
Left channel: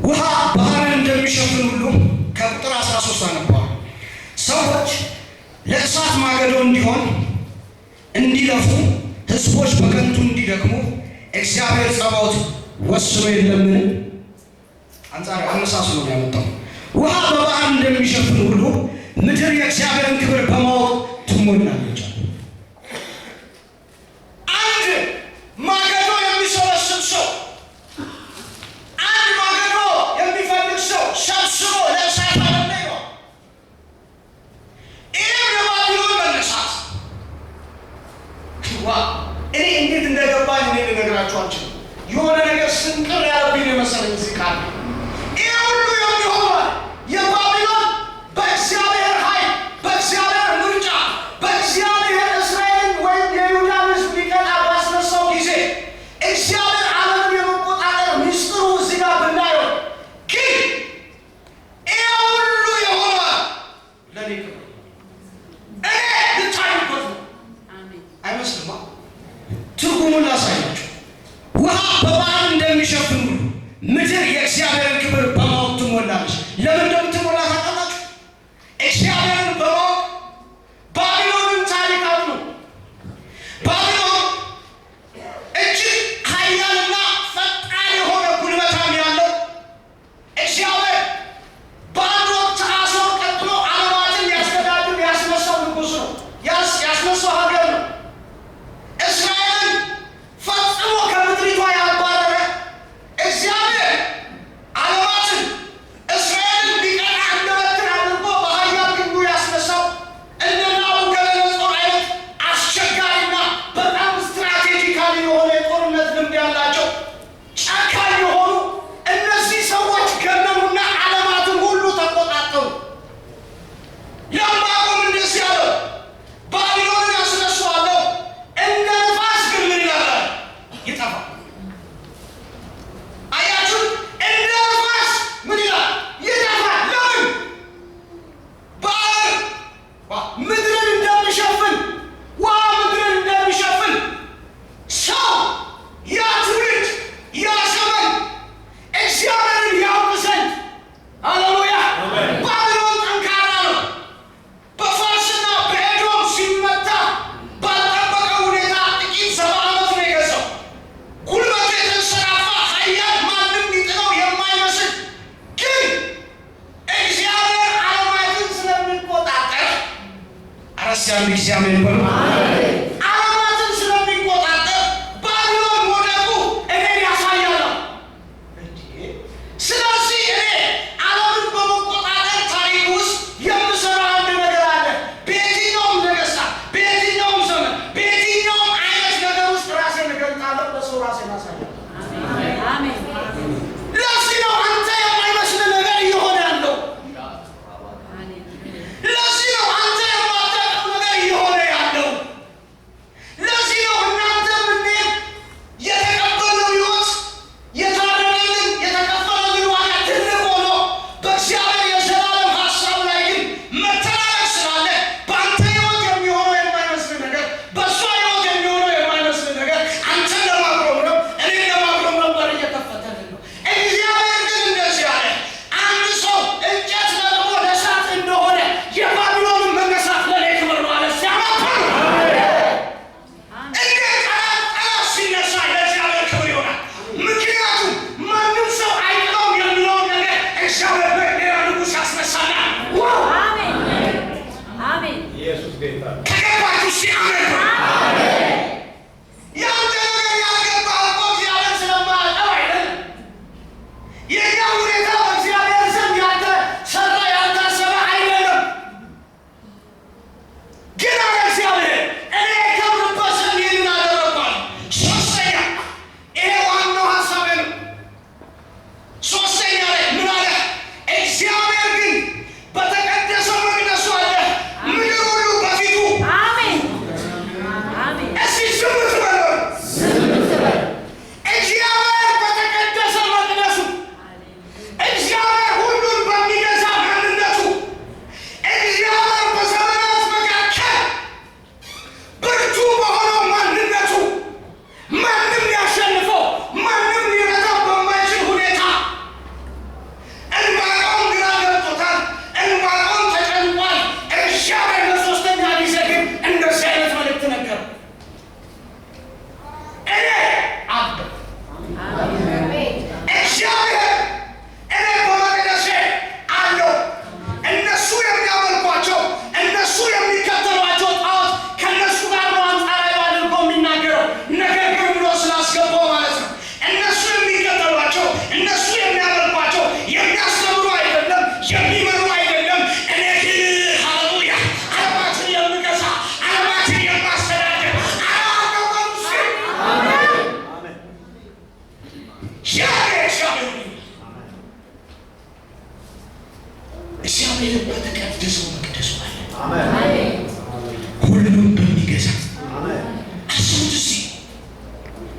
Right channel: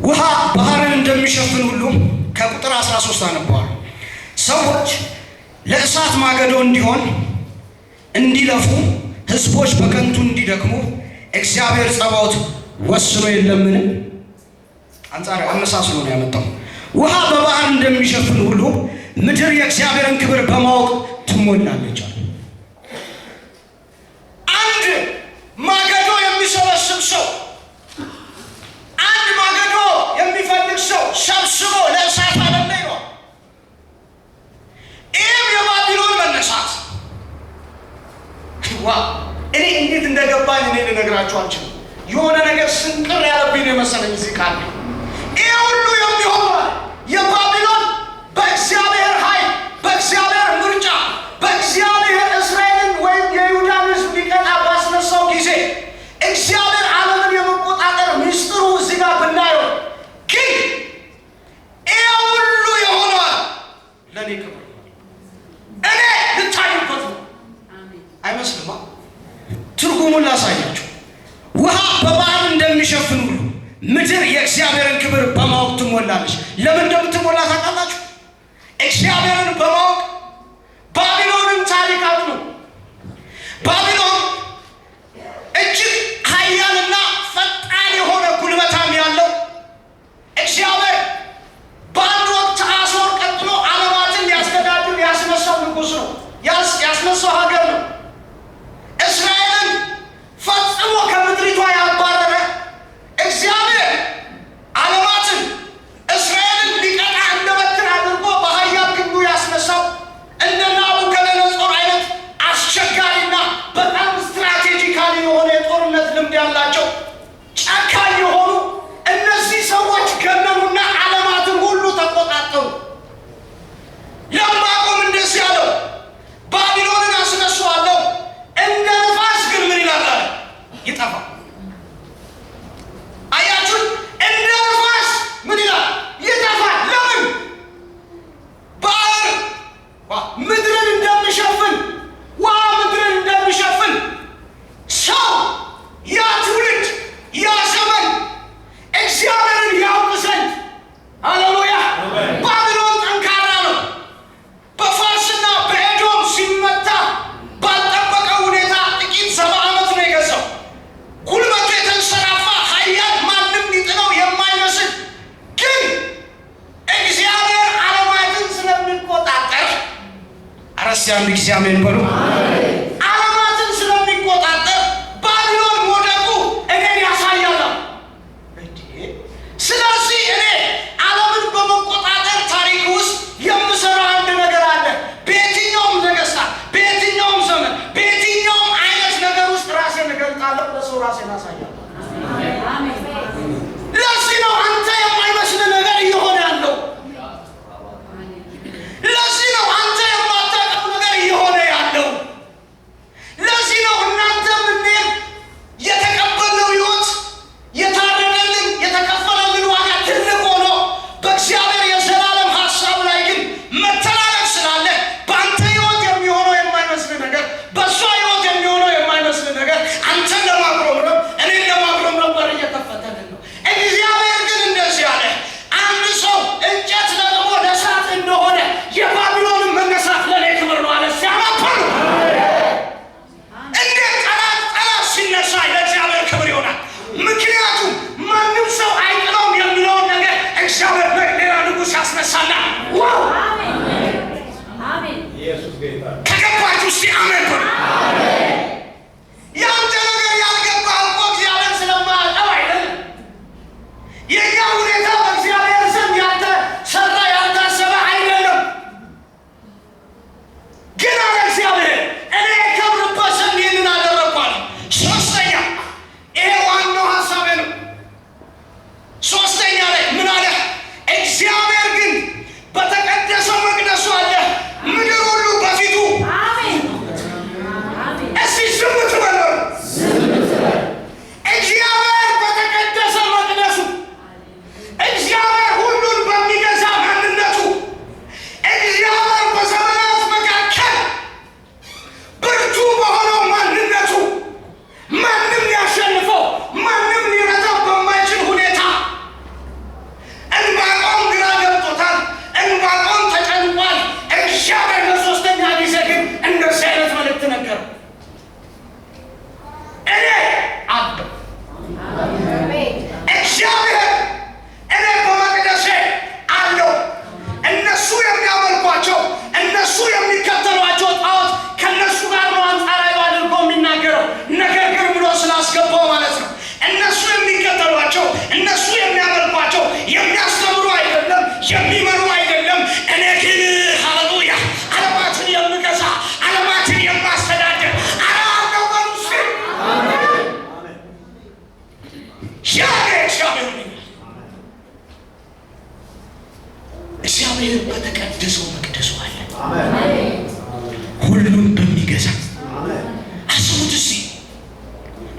ውሃ ባህርን እንደሚሸፍን ሁሉ ከቁጥር 13 አነበዋል። ሰዎች ለእሳት ማገዶ እንዲሆን እንዲለፉ፣ ሕዝቦች በከንቱ እንዲደክሙ እግዚአብሔር ጸባዖት ወስኖ የለምን? አንጻር አመሳስሎ ነው ያመጣው። ውሃ በባህር እንደሚሸፍን ሁሉ ምድር የእግዚአብሔርን ክብር በማወቅ ትሞላለች። አንድ ማገዶ የሚሰበስብ ሰው፣ አንድ ማገዶ የሚፈልግ ሰው ሰብስቦ ለእሳት አለለ ይለዋል። ይህም የባቢሎን መነሳት እኔ እንዴት እንደገባኝ እኔ ልነግራችሁ አልችልም። የሆነ ነገር ስንቅር ያለብኝ ነው የመሰለኝ እዚህ ካለ ይህ ሁሉ የሚሆነው የባቢሎን በእግዚአብሔር ኃይል፣ በእግዚአብሔር ምርጫ፣ በእግዚአብሔር እስራኤልን ወይም የይሁዳን ሕዝብ ሊቀጣ ባስነሳው ጊዜ እግዚአብሔር ዓለምን የመቆጣጠር ሚስጥሩ እዚህ ጋር ብናየው፣ ግን ይህ ሁሉ የሆነው ለእኔ ክብር እኔ ልታዩበት ነው። አይመስልማ? ትርጉሙን ላሳያችሁ። ውሃ በባህር እንደሚሸፍን ሁሉ ምድር የእግዚአብሔርን ክብር በማወቅ ትሞላለች። ለምን እንደምትሞላ ታውቃላችሁ? እግዚአብሔርን በማወቅ ባቢሎንን ታሪክ አሉ። ባቢሎን እስቲ አንድ ጊዜ አሜን በሉ። ዓለማትን ስለሚቆጣጠር ባቢሎን ሞደቁ እኔን ያሳያል። ስለዚህ እኔ ዓለምን በመቆጣጠር ታሪክ ውስጥ የምሰራው አንድ ነገር አለ። በየትኛውም ነገስታት፣ በየትኛውም ዘመን፣ በየትኛውም አይነት ነገር ውስጥ ራሴን እገልጣለሁ፣ ለሰው ራሴን አሳያለሁ። ለዚህ ነው አንተ የማይመስል ነገር እየሆነ ያለው። ለዚህ ነው አንተ የማታውቀው ነገር እየሆነ ያለው። ለዚህ ነው እናንተ ምንም የተቀበልነው ሕይወት የታረደልን የተከፈለልን ዋጋ ትልቅ ሆኖ በእግዚአብሔር የዘላለም ሀሳብ ላይ ግን መተላለፍ ስላለ በአንተ ሕይወት የሚሆነው የማይመስል ነገር፣ በእሷ ሕይወት የሚሆነው የማይመስል ነገር አንተን ለማጉረምረም እኔን ለማጉረምረም በር እየከፈተልን ነው። እግዚአብሔር ግን እንደዚህ አለ። አንድ ሰው እንጨት ለቅሞ ለእሳት እንደሆነ የባቢሎንን መነሳት ለእኔ ክብር ነው አለ። ሲያማፈሩ እንዴት ጠላት ሲነሳ ለእግዚአብሔር ክብር ይሆናል። ምክንያቱም ማንም ሰው አይጥለውም የሚለውን ነገር እግዚአብሔር ሌላ ንጉሥ ያስነሳናል። ከገባችሁ እስቲ አሜን በሉ። ያንተ ነገር ያልገባህ እኮ እግዚአብሔር ስለማያውቀው አይደለም። የእኛ ሁኔታ በእግዚአብሔር ዘንድ ያልተሰራ ያልታሰበ አይደለም። ግን አለ እግዚአብሔር እኔ የከብርበት ዘንድ ይህንን አደረግኳል። ሶስተኛ ይሄ ዋናው ሀሳቤ ነው። ሶስተኛ ላይ ምን አለ? እግዚአብሔር ግን በተቀደሰው መቅደሱ አለ፣ ምድር ሁሉ በፊቱ እስቲ ዝም ትበሉ። እግዚአብሔር በተቀደሰ መቅደሱ፣ እግዚአብሔር ሁሉን በሚገዛ ማንነቱ፣ እግዚአብሔር በዘመናት መካከል ብርቱ በሆነው ማንነቱ ማንም ሊያሸንፈው ማንም ሊረታው በማይችል ሁኔታ ዕንባቆም ግራ ገብቶታል። ዕንባቆም ተጨንቋል። እግዚአብሔር ለሶስተኛ ጊዜ ግን እንደዚህ አይነት መልእክት ነገረው። እኔ አለሁ እግዚአብሔር እኔ በመቅደሴ አለሁ። እነሱ የሚያመልኳቸው እነሱ የሚከተሏቸው ጣዖት ከእነሱ ጋር ነው አንጻራዊ አድርጎ የሚናገረው። ነገር ግን ብሎ ስላስገባው ማለት ነው። እነሱ የሚከተሏቸው እነሱ የሚያመልኳቸው የሚያስተምሩ አይደለም፣ የሚመሩ አይደለም። እኔ ግን ሃሌሉያ ዓለማትን የምገዛ ዓለማትን የማስተዳደር አላውቀው በሉ እስኪ እግዚአብሔር በተቀደሰው መቅደሱ አለ፣ ሁሉም በሚገዛ አስቡት እስኪ።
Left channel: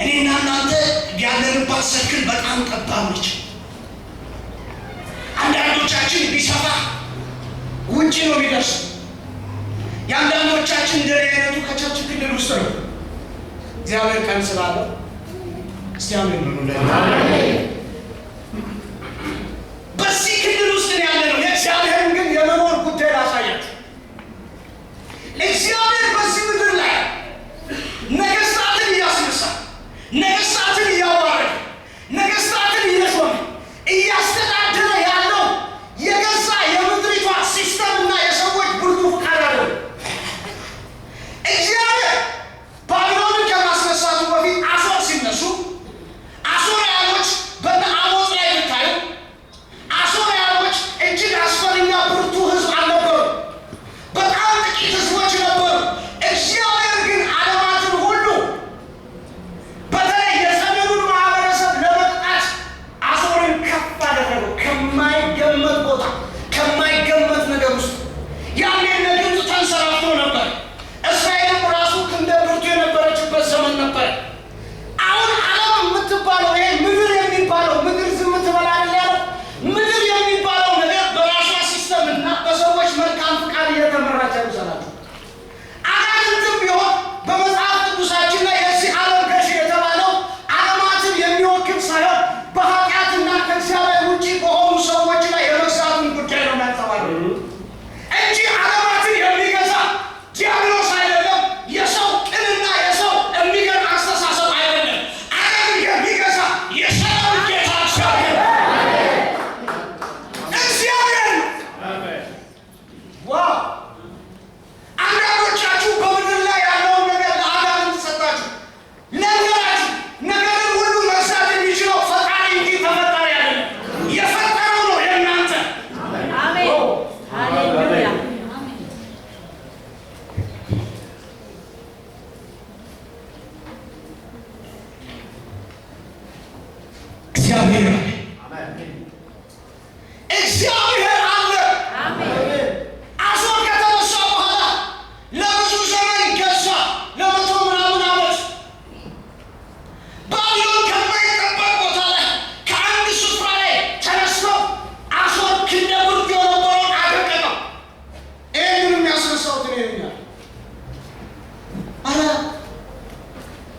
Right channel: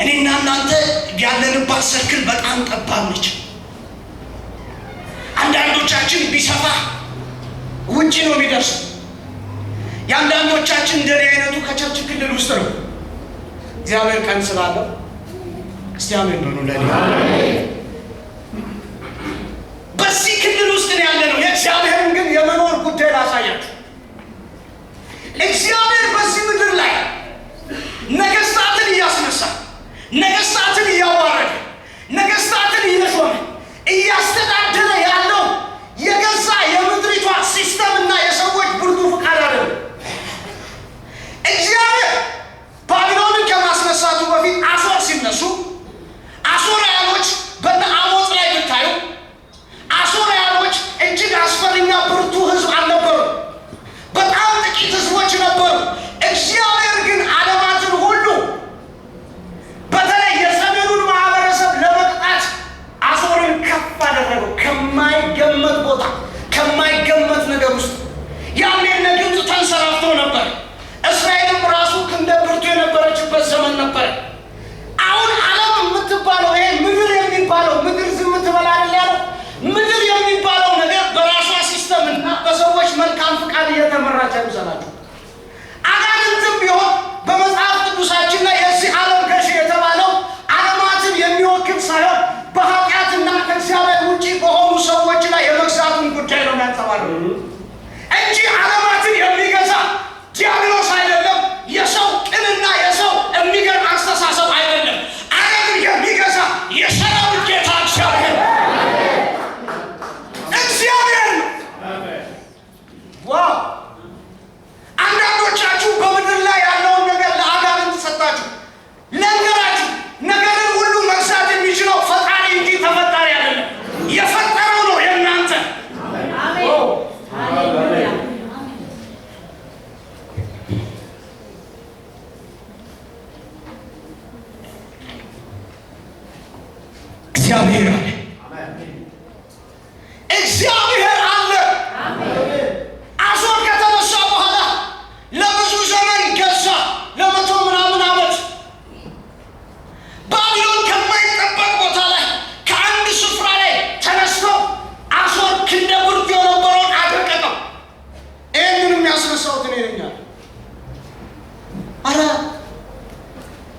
እኔና እናንተ ያለንባት ሰርክል በጣም ጠባብ ነች። አንዳንዶቻችን ቢሰፋ ውጭ ነው የሚደርሰው። የአንዳንዶቻችን እንደኔ አይነቱ ከቸርች ክልል ውስጥ ነው። እግዚአብሔር ቀን ስላለው እስቲ አሜን በሉ። በዚህ ክልል ውስጥ ነው ያለ ነው። የእግዚአብሔርን ግን የመኖር ጉዳይ ላሳያችሁ። እግዚአብሔር በዚህ ምድር ላይ ነገስታትን እያስነሳ ነገስታትን እያዋረደ ነገስታትን እየሾመ እያስተዳደረ ያለው የገዛ የምድሪቷ ሲስተም እና የሰዎች ብርቱ ፍቃድ አይደለም። እግዚአብሔር ባቢሎንን ከማስነሳቱ በፊት አሦር ሲነሱ አሦራውያኖች በነ አሞጽ ላይ ብታዩ አሦራውያኖች እጅግ አስፈሪና ብርቱ ሕዝብ አልነበሩ። በጣም ጥቂት ሕዝቦች ነበሩ። እግዚአብሔር ግን ዓለማትን ሁሉ በተለይ የሰሜኑን ማህበረሰብ ለመቅጣት አሦርን ከፍ አደረገው። ከማይገመት ቦታ ከማይገመት ነገር ውስጥ ያኔ እነ ግብፅ ተንሰራፍቶ ነበር። እስራኤልም ራሱ ክንደ ብርቱ የነበረችበት ዘመን ነበር። አሁን ዓለም የምትባለው ይሄ ምድር የሚባለው ምድር ዝም ትበላለች ያለው ምድር የሚባለው ነገር በራሷ ሲስተም እና በሰዎች መልካም ፍቃድ እየተመራች አይምሰላችሁ። አጋንንትም ቢሆን በመጽሐፍ ቅዱሳችን ላይ የዚህ ዓለም ገዢ የተባለው ዓለማትን የሚወክል ሳይሆን በኃጢአትና ከእግዚአብሔር ውጭ በሆኑ ሰዎች ላይ የመግዛቱን ጉዳይ ነው የሚያንጸባርቀው እንጂ ዓለማትን የሚገዛ ዲያብሎስ አይደለም። የሰው ቅንና የሰው የሚገርም አስተሳሰብ አይደለም። ዓለምን የሚገዛ የሰራዊት ጌታ እግዚአብሔር ዋው!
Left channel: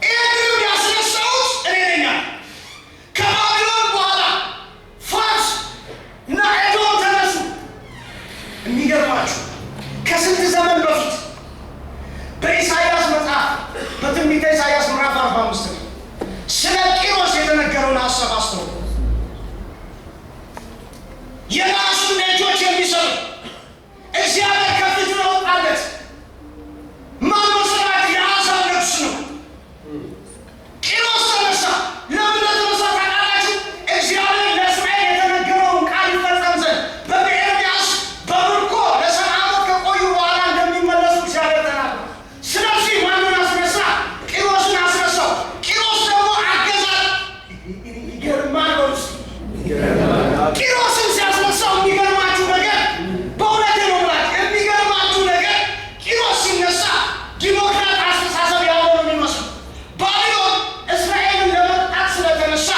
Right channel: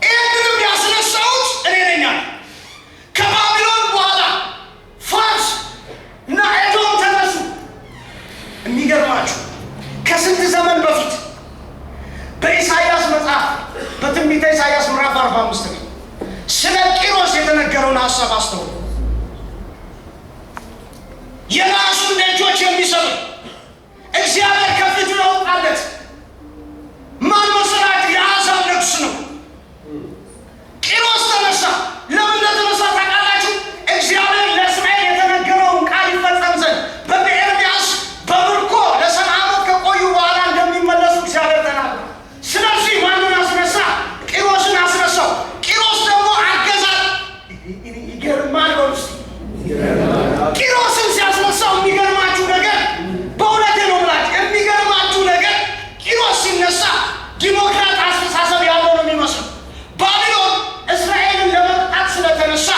ይህንንም ያስነሳሁት እኔ ነኝ አለ። ከባቢሎን በኋላ ፋርስ እና ኤዶም ተነሱ። የሚገርማችሁ ከስንት ዘመን በፊት በኢሳይያስ መጽሐፍ በትንቢተ ኢሳይያስ ምዕራፍ 45 ላይ ስለ ቂሮስ የተነገረውን ሀሳብ አስተውሉ። የራሱን ደጆች የሚሰሩ እግዚአብሔር ከፊቱ ያወጣለት ማን መሰላችሁ? የአሕዛብ ንጉሥ ነው። ቂሮስ ተነሳ። ለምን ተነሳ ታውቃላችሁ? እግዚአብሔር ለእስራኤል የተነገረውን ቃል ይፈጸም ዘንድ በኤርምያስ በምርኮ ለ70 ዓመት ከቆዩ በኋላ እንደሚመለሱ እግዚአብሔር ተናግሯል። ስለዚህ ማንን አስነሳ? ቂሮስን አስነሳው። ቂሮስ ደግሞ አገዛዝ ይገርማል። ቂሮስን ሲያስነሳው የሚገርማችሁ ነገር በእውነቴ ነው ብላችሁ የሚገርማችሁ ነገር ቂሮስ ሲነሳ ዲሞክራት አስተሳሰብ ያለው ነው የሚመስለው። ባቢሎን እስራኤልን ለመቅጣት ስለተነሳ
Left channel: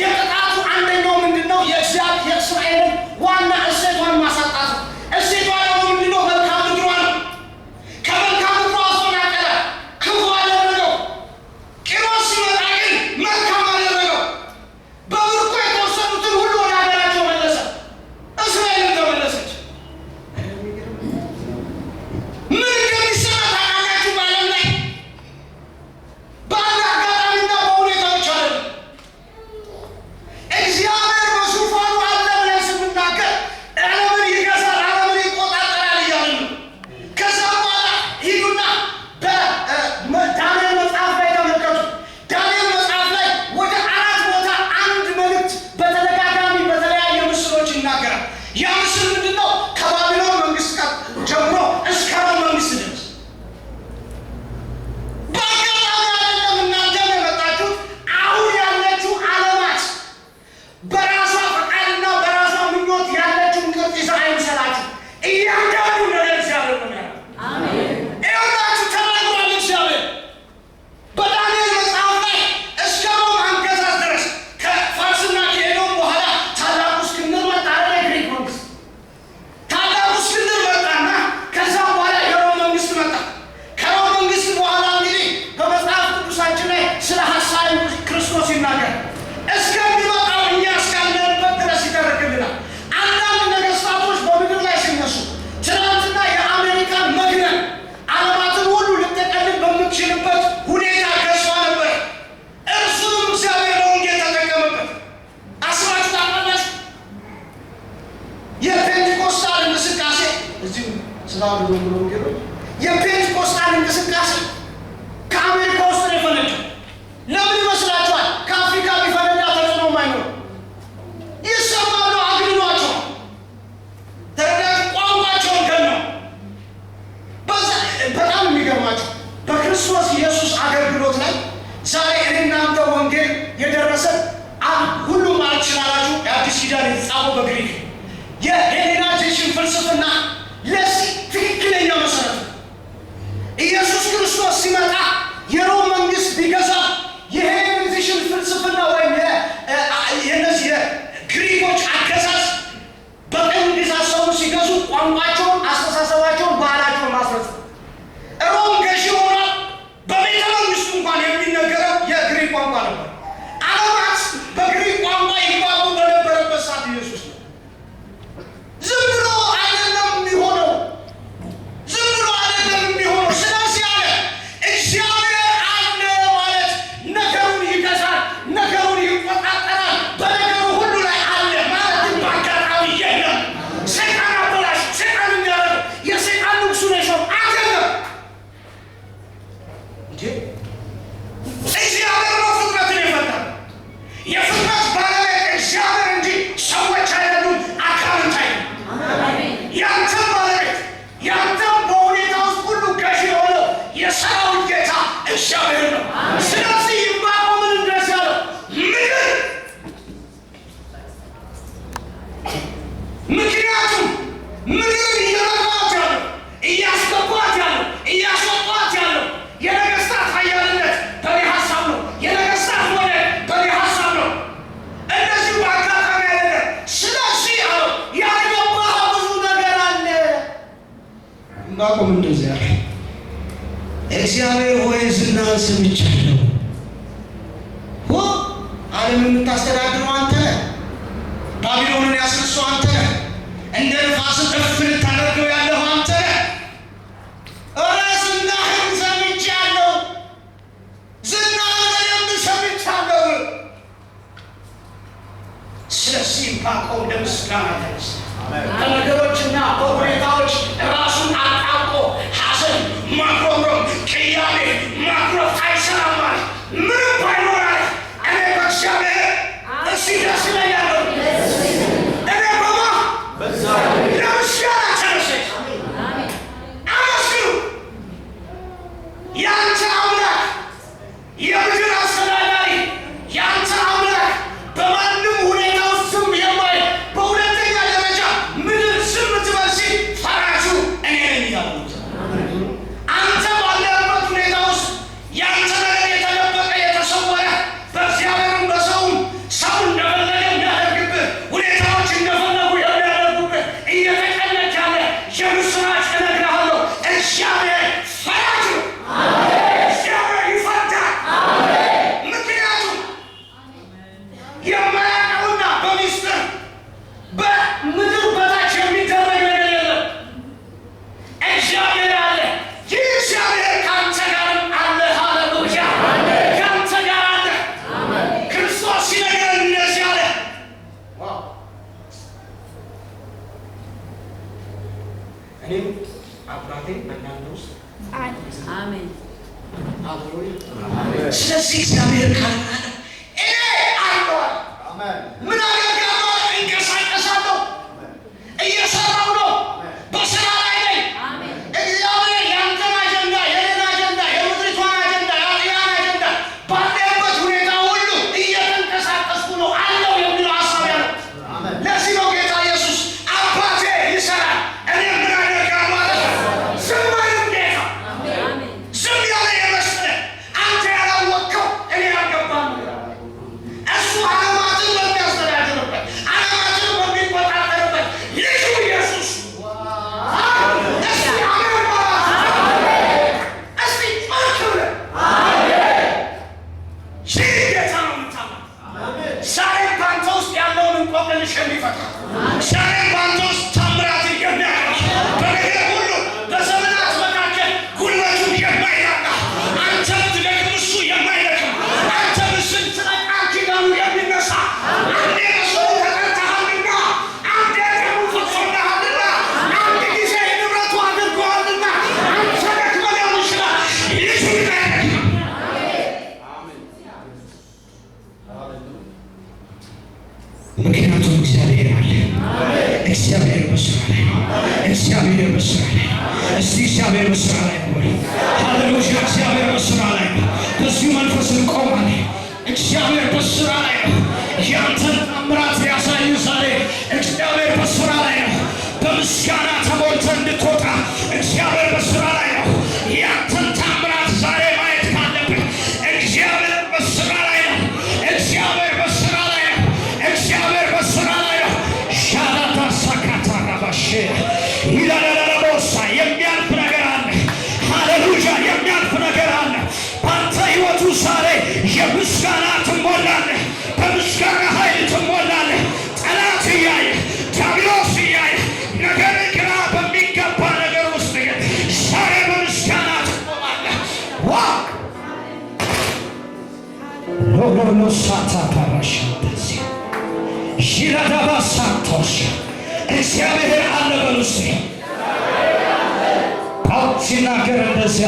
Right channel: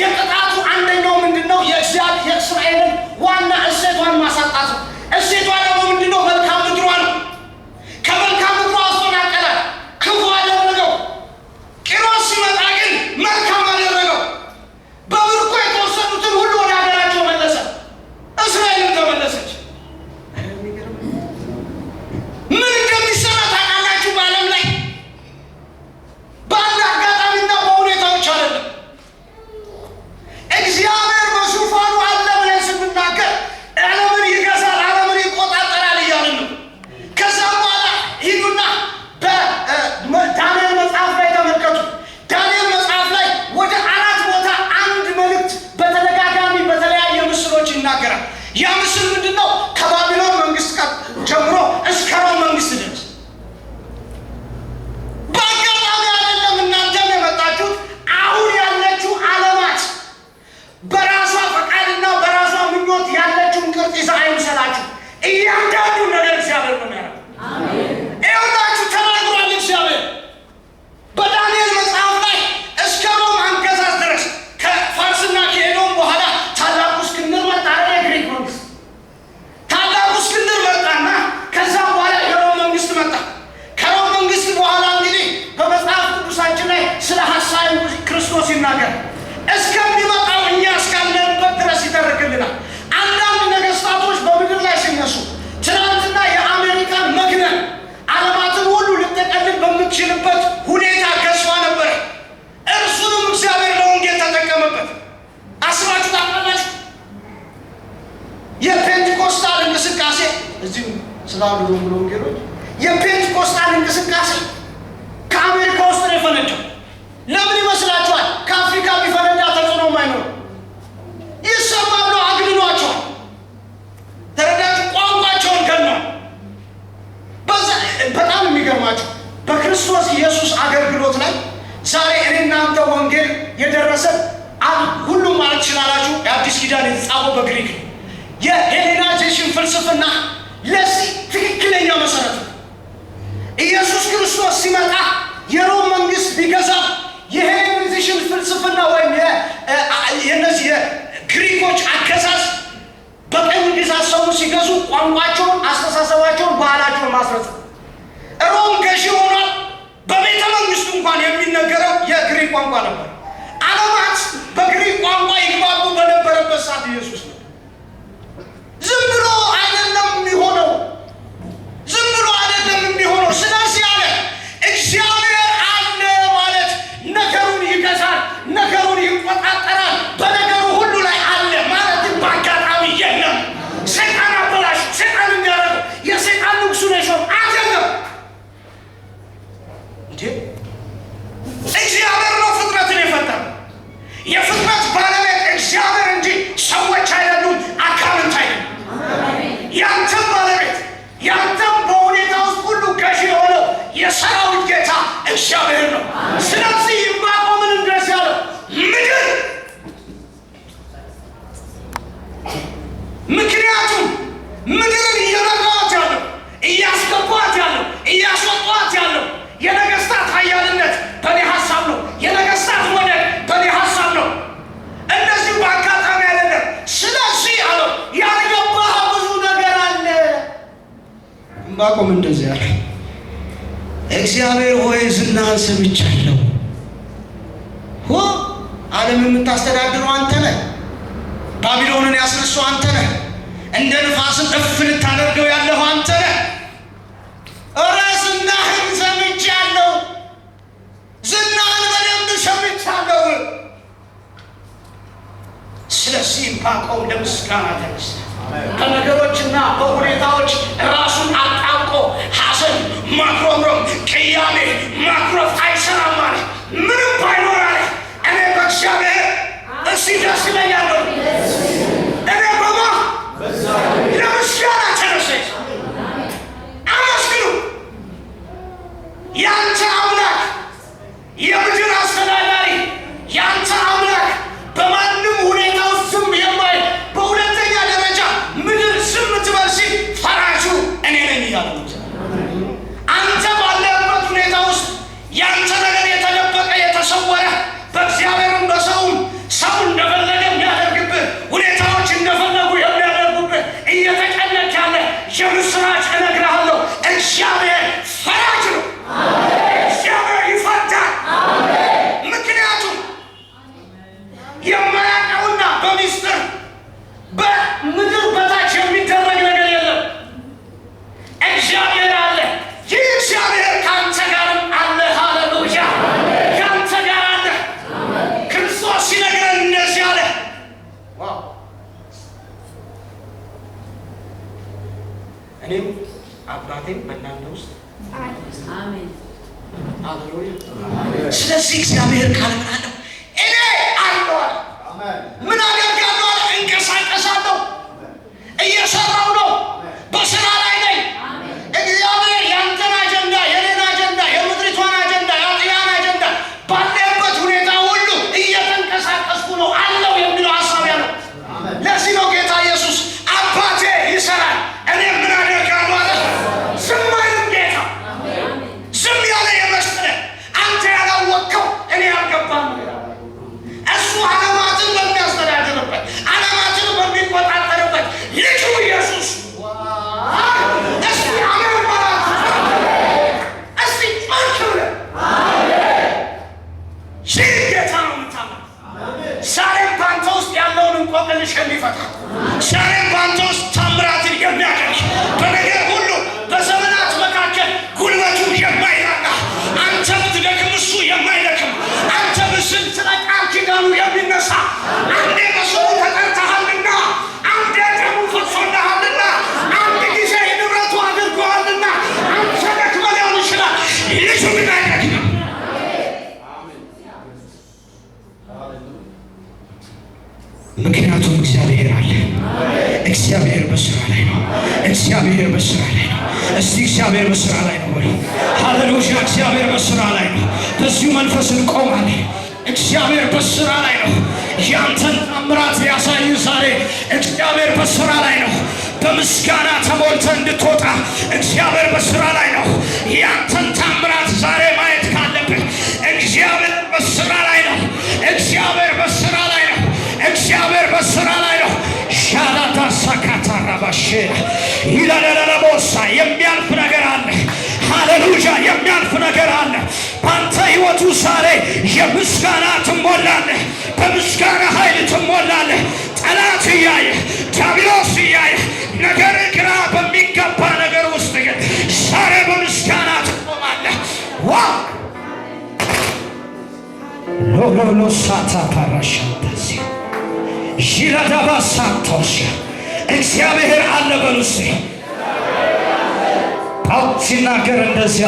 የቅጣቱ አንደኛው ምንድን ነው? የእስራኤልን ዋና እሴቷን ማሳጣት ነው። እሴቷ ደግሞ ምንድን ነው? መልካም ምድሯ ነው። ከመልካም ምድሯ አፈናቀለ፣ ክፉ አደረገው። ቂሮስ ሲመጣ ግን መልካም አደረገው። በምርኮ የተወሰኑትን ሁሉ ወደ ሀገራቸው መለሰ። እስራኤልን ተመለሰች። ምን እንደሚሰራ ታውቃላችሁ? በዓለም ላይ በአንድ አጋጣሚና በሁኔታዎች አይደለም። እግዚአብሔር በዙፋኑ አለ ብለን ስንናገር ዓለምን ይገዛል፣ ዓለምን ይቆጣጠራል እያልን ነው። ከዛ በኋላ ሂዱና በዳንኤል መጽሐፍ ላይ ተመልከቱ። ዳንኤል መጽሐፍ ላይ ወደ 4 ቦታ አንድ መልእክት በተደጋጋሚ በተለያየ ምስሎች ይናገራል። ያ ምስል ምንድን ነው? ከባቢሎን መንግስት ጀምሮ እስከ ሮም መንግስት ድረስ በአጋጣሚ አይደለም እናንተም የመጣችሁት። አሁን ያለችው ዓለማት በራሷ ፈቃድና በራሷ ምኞት ያለችውን ቅርጽ ይዛ አይምሰላችሁ። እያንዳንዱ ነገር እግዚአብሔር ነው የሚያደርገው። ይኸውላችሁ ተናግሯል እግዚአብሔር በዳንኤል መጽሐፍ ላይ እስከ ሮም አገዛዝ ድረስ ከፋርስና ከኤዶም በኋላ ታላቁ እስክንድር መጣ። የግሪክ መንግስት ታላቁ እስክንድር መጣና ከዛ በኋላ የሮም መንግስት መጣ። ከሮም መንግስት በኋላ እንግዲህ በመጽሐፍ ቅዱሳችን ላይ ስለ ሐሳዊ ክርስቶስ ይናገራል። እስከሚመጣው እኛ እስካለንበት ድረስ ይተርክልናል። አንዳንድ ነገስታቶች በምድር ላይ ሲነሱ ትናንትና የአሜሪካን መግነን ዓለማትን ሁሉ ልጠቀልል በምትችልበት ሁኔታ ገዝፋ ነበር። እርሱንም እግዚአብሔር ለወንጌል ተጠቀመበት። አስባችሁ ታውቃላችሁ? የፔንቴኮስታል እንቅስቃሴ እዚሁ ስላሉ ብሎ ወንጌሎች የፔንቴኮስታል እንቅስቃሴ ከአሜሪካ ውስጥ ነው የፈነዳው። ለምን ይመስላችኋል? ከአፍሪካ ቢፈነዳ ተጽዕኖ አይኖርም። ይሰማሉ፣ አግንኗቸዋል። ተረዳችሁ? ቋንቋቸውን ገነው። በጣም የሚገርማችሁ በክርስቶስ ኢየሱስ አገልግሎት ላይ ዛሬ እኔ እናንተ ወንጌል የደረሰን ሁሉም ማለት ትችላላችሁ። የአዲስ ኪዳን የተጻፈው በግሪክ የሄሌናይዜሽን ፍልስፍና ለዚህ ትክክለኛ መሰረት ነው። ኢየሱስ ክርስቶስ ሲመጣ የሮም መንግስት ቢገዛ የሄሌናይዜሽን ፍልስፍና ወይም የነዚህ የግሪኮች አገዛዝ በቀኝ ግዛት ሰው ሲገዙ ቋንቋቸውን፣ አስተሳሰባቸውን፣ ባህላቸውን ማስረጽ ሮም ገዢ ሆኗል። በቤተ መንግስቱ እንኳን የሚነገረው የግሪክ ቋንቋ ነበር። ዓለማት በግሪክ ቋንቋ ይግባቡ በነበረበት ሰዓት ኢየሱስ ነው። ዝም ብሎ አይደለም የሚሆነው፣ ዝም ብሎ አይደለም የሚሆነው። ስለዚህ አለ እግዚአብሔር አለ ማለት ነገሩን ይገዛል፣ ነገሩን ይቆጣጠራል፣ በነገሩ ሁሉ ላይ አለ ማለት በአጋጣሚ የለም። ሰይጣን አበላሽ፣ ሰይጣን እንዲያደርገው የሰይጣን ንጉሱ ነሾም አይደለም እንዴ። እግዚአብሔር ነው ፍጥረትን የፈጠረው። የፍጥረት ባለቤት እግዚአብሔር እንጂ ሰዎች አይደሉም፣ አጋንንት አይደሉም። ያንተም ባለቤት ያንተም በሁኔታ ውስጥ ሁሉ ገዢ የሆነው የሰራዊት ጌታ እግዚአብሔር ነው። ስለዚህ ዕንባቆምን እንደዚህ ያለው ምድር ምክንያቱም ምድርን እየመራት ያለው እያስገባት ያለው እያስወጧት ያለው የነገስታት ኃያልነት በእኔ ሀሳብ ነው። የነገስታት ወደድ በእኔ ሀሳብ ነው። እንደዚሁ በአጋጣሚ አይደለም። ስለዚህ አለው ያልገባህ ብዙ ነገር አለ። ዕንባቆም እንደዚህ ያለ እግዚአብሔር ሆይ ዝናህን ሰምቻለሁ። ዓለምን የምታስተዳድረው አንተ ነህ። ባቢሎንን ያስነሳው አንተ ነህ። እንደ ንፋስም እፍ ልታደርገው ያለኸው አንተ ነህ። ኧረ ዝናህን ሰምቻለሁ። ዝናህን በደንብ ሰምቻለሁ። ስለዚህ ዕንባቆም ለምስጋና ተነሳ። ከነገሮችና በሁኔታዎች ራሱን አጣብቆ ሐዘን፣ ማጉረምረም፣ ቅያሜ፣ ማኩረፍ አይሰራም አለ። ምንም ባይኖር አለ እኔ በእግዚአብሔር እስቲ ደስ ይለኛል። እኔ በማ ለምስጋና ተነሳች። አመስግኑ። ያንተ አምላክ የምድር አስተዳዳሪ፣ ያንተ አምላክ በማንም ሁኔታ ውስጥ ዝም የማይ በሁለተኛ ደረጃ ምድር ዝም ትበል ሲል ፈራጁ እኔ ነኝ እያለ አንተ ባለበት ሁኔታ ውስጥ ያንተ ነገር የተደበቀ የተሰወረ በእግዚአብሔርም በሰውም ሰው እንደፈለገ የሚያደርግብህ ሁኔታዎች እንደፈለጉ የሚያደርጉብህ እየተጨነቅ ያለ የምስራች እነግርሃለሁ። እግዚአብሔር ፈራጅ ነው። እግዚአብሔር ይፈርዳል። ምክንያቱም የማያውቀውና በሚስጥር በምድር በታች የሚደረግ ነገር የለም። እግዚአብሔር አለ። ይህ እግዚአብሔር ከአንተ ጋርም አለ። ሃሌሉያ! ከአንተ ጋር አለ። ክርስቶስ ሲነግረን እንደዚህ አለ። እኔም አባቴም በእናንተ ውስጥ አሜን። ሃሌሉያ! ስለዚህ እግዚአብሔር ካለ እኔ አለሁ። ምን አደርጋለሁ? እንቀሳቀሳለሁ። እየሰራሁ ነው። በስራ ላይ ነኝ። እግዚአብሔር ያንተን አጀንዳ፣ የኔን አጀንዳ፣ የምድሪቷን አጀንዳ፣ የአጥያን አጀንዳ ባለበት ሁኔታ ሁሉ እየተንቀሳቀስኩ ነው አለው የሚለው ሀሳብ ያለው። ለዚህ ነው ጌታ ኢየሱስ አባቴ ይሰራል እኔ ምን አደርጋለሁ አለ። ዝም አይልም ጌታ። ዝም ያለ የመሰለህ አንተ ያላወቅከው እኔ ያልገባም እሱ ዓለማትን በሚያስተዳድርበት ዓለማትን በሚቆጣጠርበት ልጁ ኢየሱስ እስቲ አሜን ማለት እስቲ ጮክ ብለህ ይህ ጌታ ነው የምታመን። ዛሬም በአንተ ውስጥ ያለውን እንቆቅልሽ የሚፈታ ዛሬም በአንተ ውስጥ ታምራትን የሚያደርግ በነገር ሁሉ በዘመናት መካከል ጉልበቱ የማይላላ አንተ ብትደክም እሱ የማይደክም አንተ ምስል ስለቃል ኪዳኑ የሚነሳ አንዴ በስሙ ተጠርተሃልና አንዴ ደሙ ፈሶልሃልና አንድ ጊዜ ንብረቱ አድርጎሃልና አንተ ደክመህ ሊሆን ይችላል። ልጁ ግን አይደክምም። ምክንያቱም እግዚአብሔር አለ። እግዚአብሔር በስራ ላይ ነው። እግዚአብሔር በስራ ላይ ነው። እስቲ እግዚአብሔር በስራ ላይ ነው ወይ? ሃሌሉያ! እግዚአብሔር በስራ ላይ ነው። በዚሁ መንፈስ እንቆማለን። እግዚአብሔር በስራ ላይ ነው። ያንተን ታምራት ሊያሳይ ዛሬ እግዚአብሔር በስራ ላይ ነው። በምስጋና ተሞልተህ እንድትወጣ እግዚአብሔር በስራ ላይ ነው። ያንተን ታምራት ዛሬ ማየት ካለብን እግዚአብሔር በስራ ላይ ነው። እግዚአብሔር በስራ ላይ ነው። እግዚአብሔር በስራ ላይ ነው። ሻላታ ሳካታራባሽ ይላላላቦሳ የሚያልፍ ነገር አለ። ሃሌሉያ! የሚያልፍ ነገር አለ። በአንተ ህይወቱ ዛሬ የምስጋና ትሞላለህ። በምስጋና ኃይል ትሞላለህ። ጠላት እያየ ዲያብሎስ እያየ ነገር ግራ በሚገባ ነገር ውስጥ ግን ዛሬ በምስጋና ትቆማለህ። ዋ ሎሎሎ ሳታ ፓራሻንተሲ ይራዳባ ሳንቶሽ እግዚአብሔር አለ በሉስ። ጳውሎስ ሲናገር እንደዚያ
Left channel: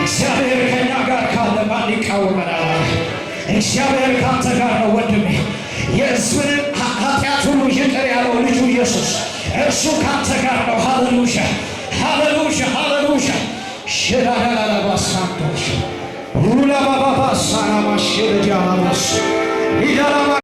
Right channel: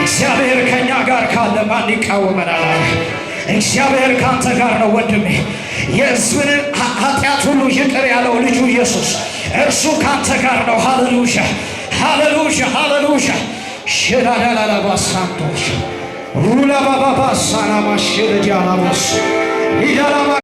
እግዚአብሔር ከእኛ ጋር ካለ ማን ይቃወመናል? እግዚአብሔር ካንተ ጋር ነው ወንድሜ። የሕዝብን ኃጢአት ሁሉ ይቅር ያለው ልጁ ኢየሱስ እርሱ ካንተ ጋር ነው። ሃሌሉያ! ሃሌሉያ! ሃሌሉያ! ሽራዳላባሳንቶሽ ሁላባባባሳናማሽልጃላቦስ